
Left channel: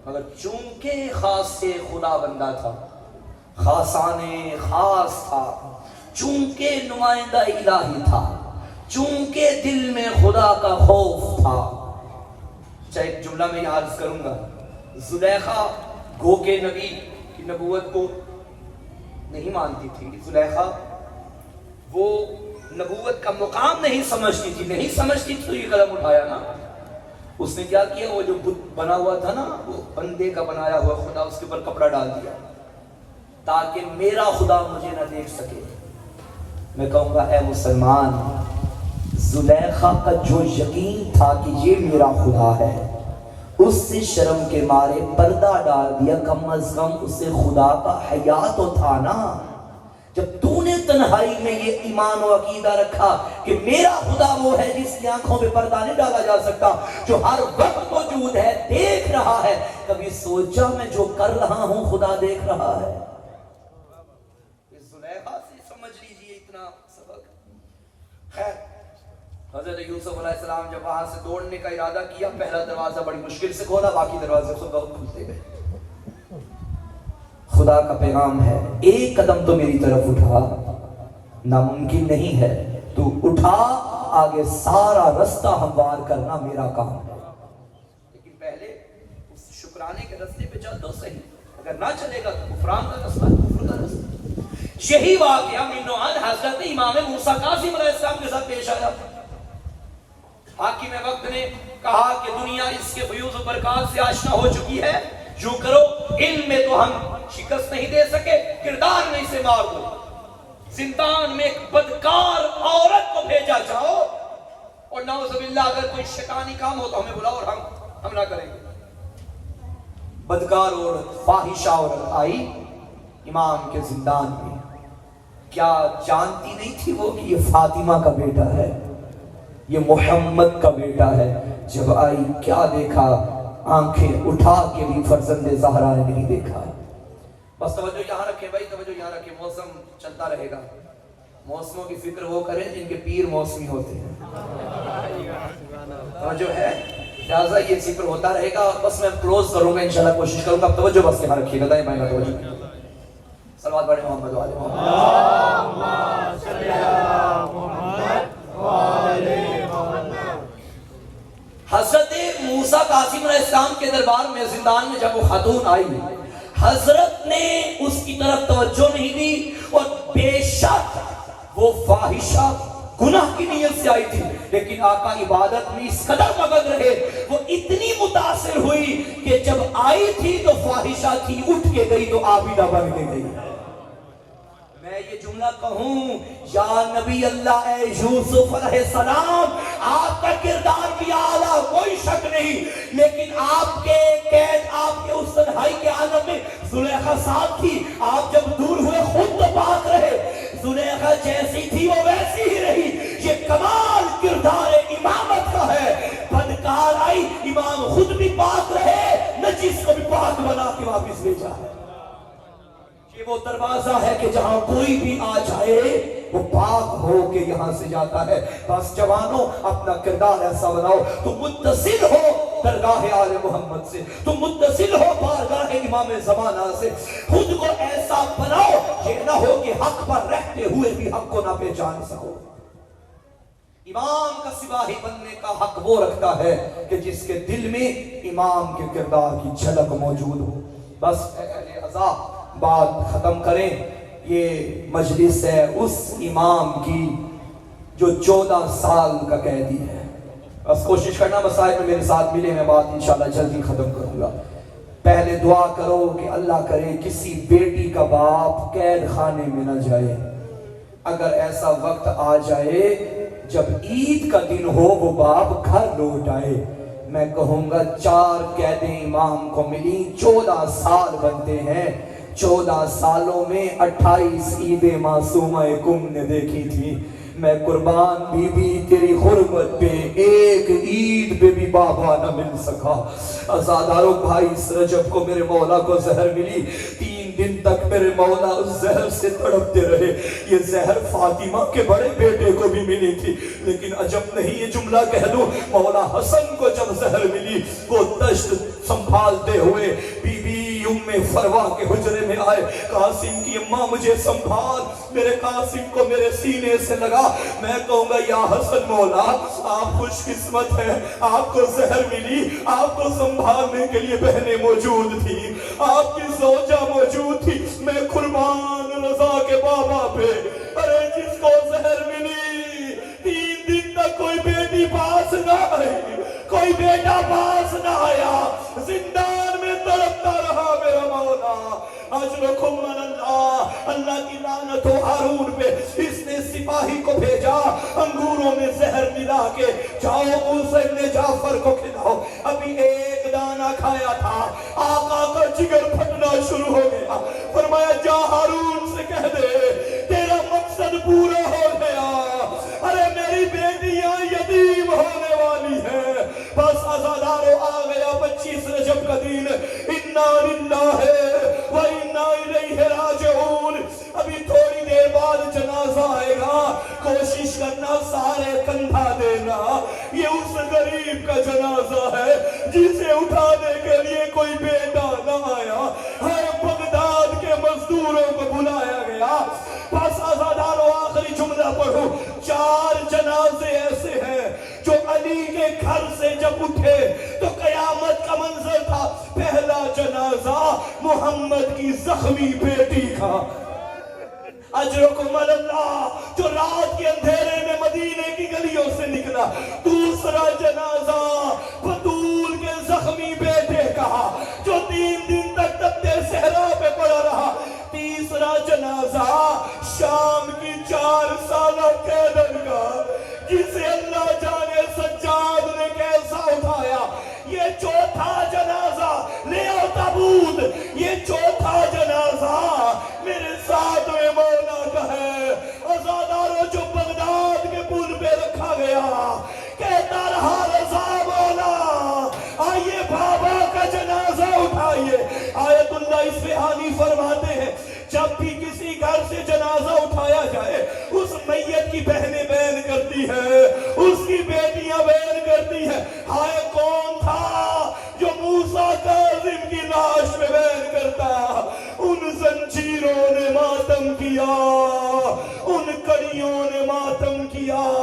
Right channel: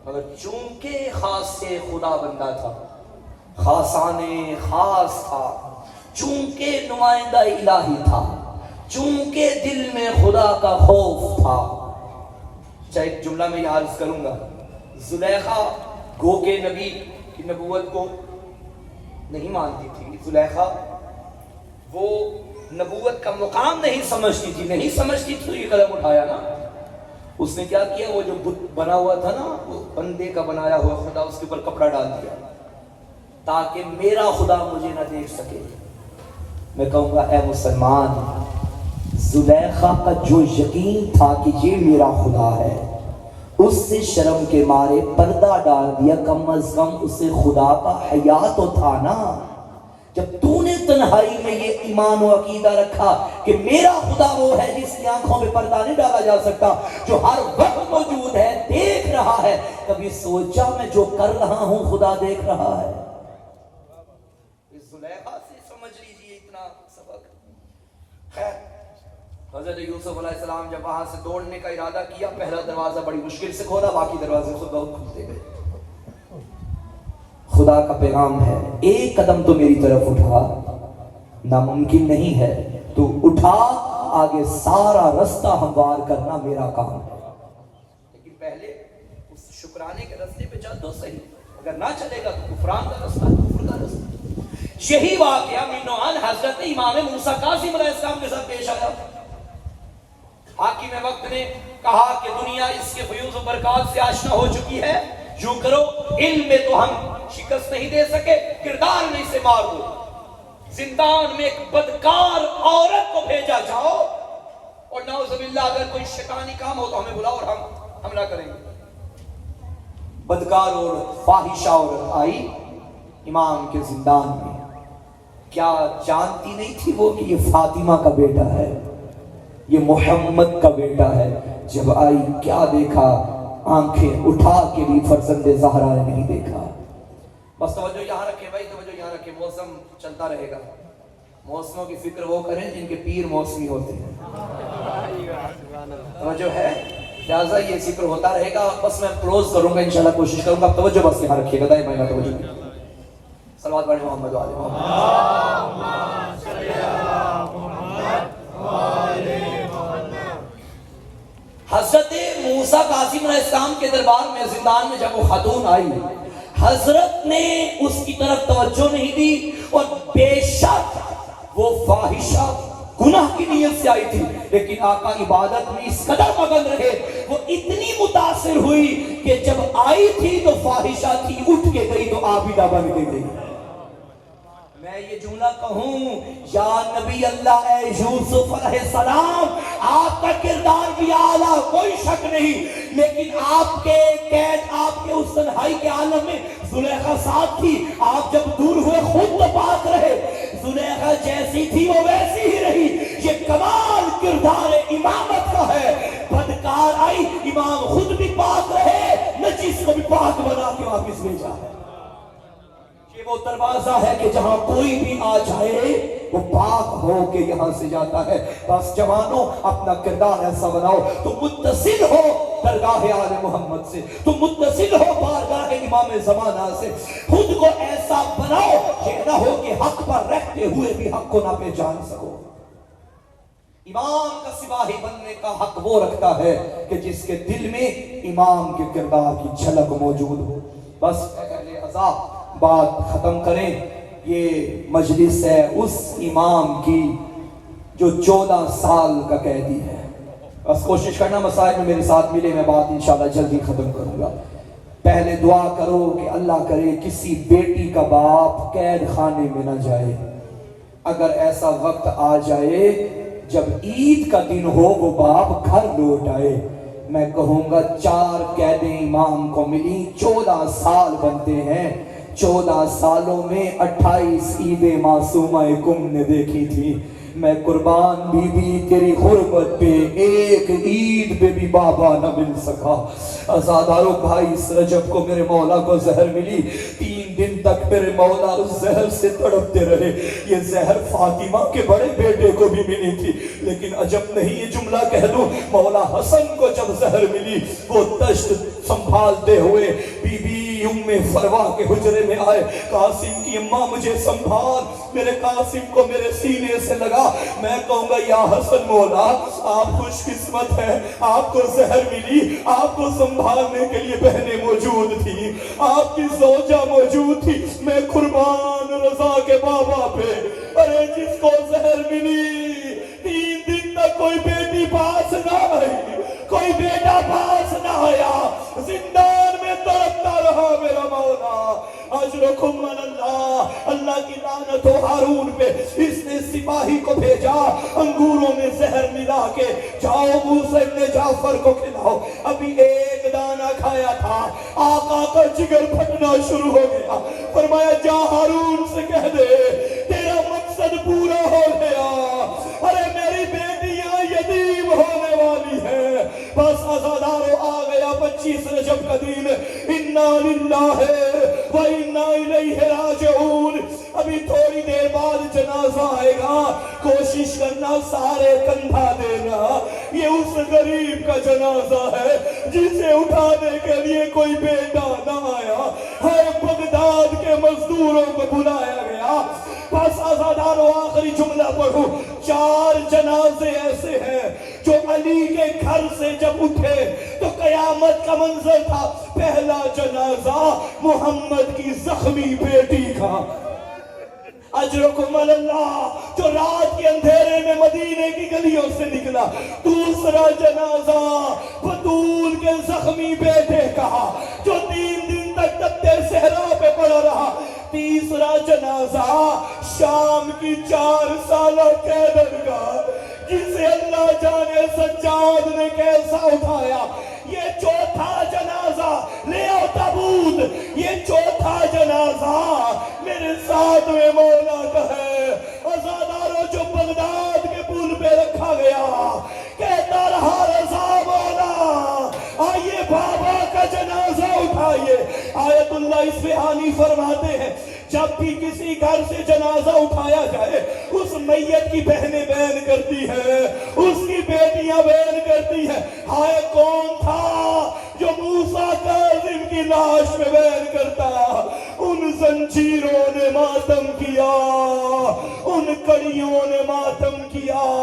مگر چونکہ خاص سے خدا بندہ تھا، خاصان خاص تھا، چونکہ نمائندہ الہی تھا، چونکہ دل میں خدا کا خوف تھا۔ چاہے ایک جملہ میں یہ عرض کروں گا، زلیخا گو کے نبی کی نبوت کو نہیں مانتی تھی، زلیخا وہ نبوت کا مقام نہیں سمجھتی تھی تو یہ قدم اٹھایا نا۔ اس نے کیا کیا؟ وہ جو بت بنا ہوا تھا نا، وہ بندے کا بنایا ہوا خدا، اس کے اوپر کپڑا ڈال دیا تاکہ میرا خدا مجھے نہ دیکھ سکے۔ میں کہوں گا اے مسلمان، زلیخا کا جو یقین تھا کہ یہ میرا خدا ہے، اس سے شرم کے مارے پردہ ڈال دیا، کم از کم اسے خدا کا حیا تو تھا نا۔ جب تو نے تنہائی میں یہ ایمان و عقیدہ رکھا کہ میرا خدا وہ ہے جس کی آنکھوں میں پردہ نہیں ڈالا جا سکتا، جو ہر وقت موجود ہے، دیکھ رہا ہے، کبھی سوچا میں جو کر رہا ہوں خدا دیکھ رہا ہے؟ اس زلیخا سے سمجھ لیجئے اتنا سبق۔ خیر، حضرت یوسف علیہ السلام جب وہاں سے دوڑنے کا ارادہ کیا، پہلا دروازہ بڑی مشکل سے کھولا، باقی دروازے خود بخود کھلتے گئے۔ خدا کا پیغام ہے، ایک قدم تو میری طرف اٹھا، ناممکن نہیں ہے، تو اٹھا، آگے سارا رستہ ہموار کرنا میرا کام ہے، لیکن پہلے اس شکرانے کے رستے پہ چل تو صحیح، اگر نہ چلے گا تو کفران کا رستہ، کفر کا رستہ۔ یہی واقعہ من نوعان حضرت امام موسیٰ کاظم علیہ السلام کے ساتھ پیش آیا۔ حاکم وقت نے کہا کہ دنیا اس کے فیوز و برکات سے آشنا ہو چکی ہے، یوں کرو، علم میں تو ہم شکست نہیں دے سکے، کردار میں اسے مارو، زندان میں ایک بدکار عورت کو بھیجا جاؤ، اور نعوذ باللہ اگر کوئی شیطانی کام ہو تو ہمیں بلاؤ اور ہم حملہ کریں گے۔ بدکار عورت، فاحشہ عورت آئی امام کے زندان میں، کیا جانتی نہیں تھی وہ کہ یہ فاطمہ کا بیٹا ہے؟ یہ محمد کا بیٹا ہے. جب آئی کیا دیکھا, آنکھیں اٹھا کے بھی فرزند زہرا نے نہیں دیکھا. بس توجہ یہاں رکھیں بھائی, توجہ یہاں رکھیں. موسم چلتا رہے گا, موسموں کی فکر وہ کریں جن کے پیر موسمی ہوتے ہیں. توجہ ہے, لہٰذا یہ ذکر ہوتا رہے گا. بس میں کلوز کروں گا انشاءاللہ, کوشش کروں گا. توجہ بس یہاں رکھیے گا, دائیں بائیں توجہ. صلوات پڑھیں محمد و آل محمد. حضرت موسیٰ قاسم علیہ السلام کے دربار میں زندان میں جب وہ خاتون آئی, حضرت نے اس کی طرف توجہ نہیں دی, اور بے شک وہ فاحشہ گناہ کی نیت سے آئی تھی, لیکن آقا عبادت میں اس قدر مگن رہے, وہ اتنی متاثر ہوئی کہ جب آئی تھی تو فاحشہ تھی, اٹھ کے گئی تو عابدہ بن کے گئی. میں یہ جملہ کہوں, یا نبی اللہ اے یوسف علیہ السلام, آپ کا کردار بھی اعلیٰ, کوئی شک نہیں, لیکن آپ کے قید, آپ کے اس تنہائی کے عالم میں زلیخا ساتھ تھی. آپ جب دور ہوئے خود تو پاک رہے, زلیخا جیسی تھی وہ ویسی ہی رہی. یہ کمال کردار امامت کا ہے. بدکار آئی, امام خود بھی پاک رہے, نجس کو بھی پاک بنا کے واپس بھیجا. یہ وہ دروازہ ہے کہ جہاں کوئی بھی آ جائے وہ پاک ہو کے یہاں سے جاتا ہے. بس جوانوں اپنا کردار ایسا بناؤ, تم متصل ہو درگاہ آل محمد سے, تم متصل ہو بارگاہ امام زمانہ سے. خود کو ایسا بناؤ, یہ نہ ہو کہ حق پر رہتے ہوئے بھی حق کو نہ پہچان سکو. امام کا سپاہی بننے کا حق وہ رکھتا ہے کہ جس کے دل میں امام کے کردار کی جھلک موجود ہو. بس اہل عزا بات ختم کریں. یہ مجلس ہے اس امام کی جو 14 سال کا قیدی ہے. بس کوشش کرنا مسائل میں میرے ساتھ ملے, میں بات انشاءاللہ جلدی ختم کروں گا. پہلے دعا کرو کہ اللہ کرے کسی بیٹی کا باپ قید خانے میں نہ جائے. اگر ایسا وقت آ جائے جب عید کا دن ہو وہ باپ گھر لوٹ آئے, میں کہوں گا 4 قیدیں امام کو ملی, 14 سال بنتے ہیں. 14 سالوں میں 28 عیدیں معصومہ کم نے دیکھی تھی. میں قربان بی بی تیری غربت پہ ایک عید پہ بھی بابا نہ مل سکا. ازاداروں بھائی, اس رجب کو میرے مولا کو زہر ملی, 3 دن تک میرے مولا اس زہر سے تڑپتے رہے. یہ زہر فاطمہ کے بڑے بیٹے کو بھی ملی تھی, لیکن عجب نہیں, یہ جملہ کہہ دو, مولا حسن کو جب زہر ملی وہ دشت سنبھالتے ہوئے بی بی ام فروا کے حجرے میں آئے. قاسم کی اماں مجھے سنبھال, میرے قاسم کو میرے سینے سے لگا. میں کہوں گا یا حسن مولا آپ خوش قسمت ہیں, آپ کو زہر ملی, آپ کو سنبھالنے کے لیے بہنیں موجود تھی, آپ کی زوجہ موجود تھی. میں قربان رضا کے بابا پہ, ارے جس کو زہر ملی 3 دن تک کوئی بیٹی پاس نہ آئی, کوئی بیٹا پاس نہ آیا, زندان میں تڑپتا رہا میرا مولا. اجرکم اللہ, اللہ کی لعنت ہو ہارون پہ. اس نے سپاہی کو بھیجا, انگوروں میں زہر ملا کے جاؤ موسیٰ ابن جعفر کو کھلاؤ. ابھی ایک دانہ کھایا تھا, آقا کا جگر پھٹنا شروع ہو گیا. فرمایا جا ہارون سے کہہ دے تیرا مقصد پورا ہو گیا, ارے میری بیٹیاں یتیم ہونے والی ہے. بس عزاداروں آ گیا 25 رجب کا دن, انا للہ و انا الیہ راجعون. ابھی تھوڑی دیر بعد جنازہ آئے گا, کوشش کرنا سارے کندھا دینا. یہ اس غریب کا جنازہ ہے جسے اٹھانے کے لیے کوئی بیٹا نہ آیا. ہر بغداد کے مزدوروں کو بلایا گیا. بس عزاداروں آخری جملہ پڑھو, 4 جنازے ایسے ہیں جو علی کے گھر سے جب اٹھے تو قیامت کا منظر تھا. پہلا جنازہ محمد کی زخمی بیٹی کا, اجرکم اللہ, جو رات کے اندھیرے میں مدینے کی گلیوں سے نکلا. دوسرا جنازہ بطول کے زخمی بیٹے کا جو 3 دن تک تپتے صحرا پہ پڑا رہا. تیسرا جنازہ شام کی 4 سالہ قیدن کا, جسے اللہ جانے سجاد نے کیسا اٹھایا. یہ چوتھا جنازہ لے آؤ تابوت, یہ چوتھا جنازہ میرے ساتھ میں مولا کا ہے. عزاداروں جو بغداد کے پل پہ رکھا گیا, سے جنازہ اٹھایا جائے، اس میت کی بہنیں بیان کرتی ہیں، اس کی بیٹیاں بیان کرتی ہیں، ہائے کون تھا جو موسیٰ کاظم کی لاش میں بیان کرتا، ان زنجیروں نے ماتم کیا، ان کڑیوں نے ماتم کیا،